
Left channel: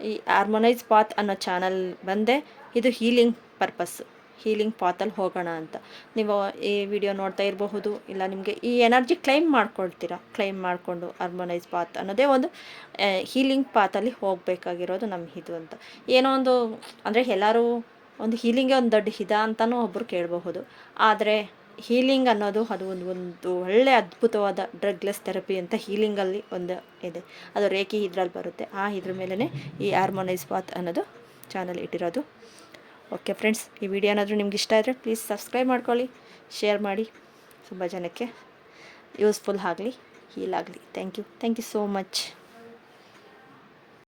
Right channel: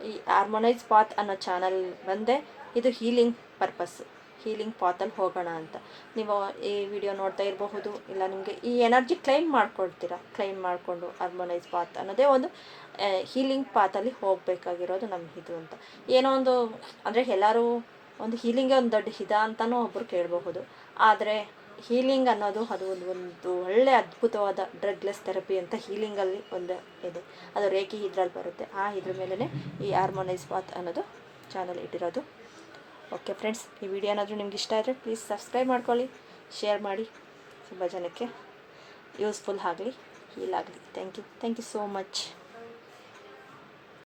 ಈ ಹಾರ್ಮೋನೈಸ್ ಪಾತ್ ಅನ್ನೋ ಚಾನಲ್ ಬಂದೆ, ಇದು ಹೀಲಿಂಗ್ ಪರ್ಪಸ್ಸು. ಹೀಲಿಂಗ್ ಪಾತಲ್ಲಿ ಹೋಗೋಣ ಅಂತ. ನೀವು ಈ ವಿಡಿಯೋ ನೋಡ್ತಾ ಇರಬಹುದು, ಇಲ್ಲ ನಿಮಗೆ ಈ ಎನರ್ಜಿ ಕ್ಲೈಮ್ ಮಾಡ್ಕೊಳ್ತೀರಾ. ಕ್ಲೈಮ್ ಮಾಡಿಕೊಂಡು ಹಾರ್ಮೋನೈಸ್ ಪಾತ್ ಅನ್ನೋದೇ ಒಂದು ಹೀಲಿಂಗ್ ಪಾತಲ್ಲಿ ಹೋಗಬೇಕಾಗಿರೋದು ನಮ್ಗೆ ಇದು ಅಂತ. ಏನೋ ಒಂದು ಅಂದರೆ ಎಲ್ಲರೂ ಒಂದು ಹೀಲಿಂಗೇ ಒಂದು ದೊಡ್ಡ ಹಿತ ಅಂತಲೂ ಒಬ್ಬರು ಕೇಳಬಹುದು. ಆದರೆ ಹೀಲಿಂಗ್ ಅನ್ನೋದು ಅದು ಒಂದು ಒಳ್ಳೆಯ ಅದ್ಭುತವಾದ ಡ್ರಗ್ಲೆಸ್ ಥೆರಪಿ ಅಂತ ಹೀಲಿಂಗಲ್ಲಿ ಒಂದು ಇದೆ. ಅದು ರೇಖಿ ಇದ್ರಲ್ಲಿ ಬರುತ್ತೆ. ಇದ್ರ ಮೇಲೇ ಈ ಹಾರ್ಮೋನೈಸ್ ಪಾತ್ ಅನ್ನೋದು ಚಾನಲ್ ಇಟ್ಟಿರೋದು. ಓಕೆ ಫ್ರೆಂಡ್ಸ್, ಈ ವಿಡಿಯೋ ಏನಾದರೂ ನಿಮ್ಗೆ ಇಷ್ಟ ಆದರೆ ಪ್ಲೀಸ್ ಸಬ್ಸ್ಕ್ರೈಬ್ ಮಾಡ್ಕೊಳ್ಳಿ, ಶೇರ್ ಮಾಡಿ, ತುಂಬ ಜನಕ್ಕೆ ಯೂಸ್ಫುಲ್ ಆಗಲಿ, ಹೀಲ್ ಆಗಲಿ. Thank you so much.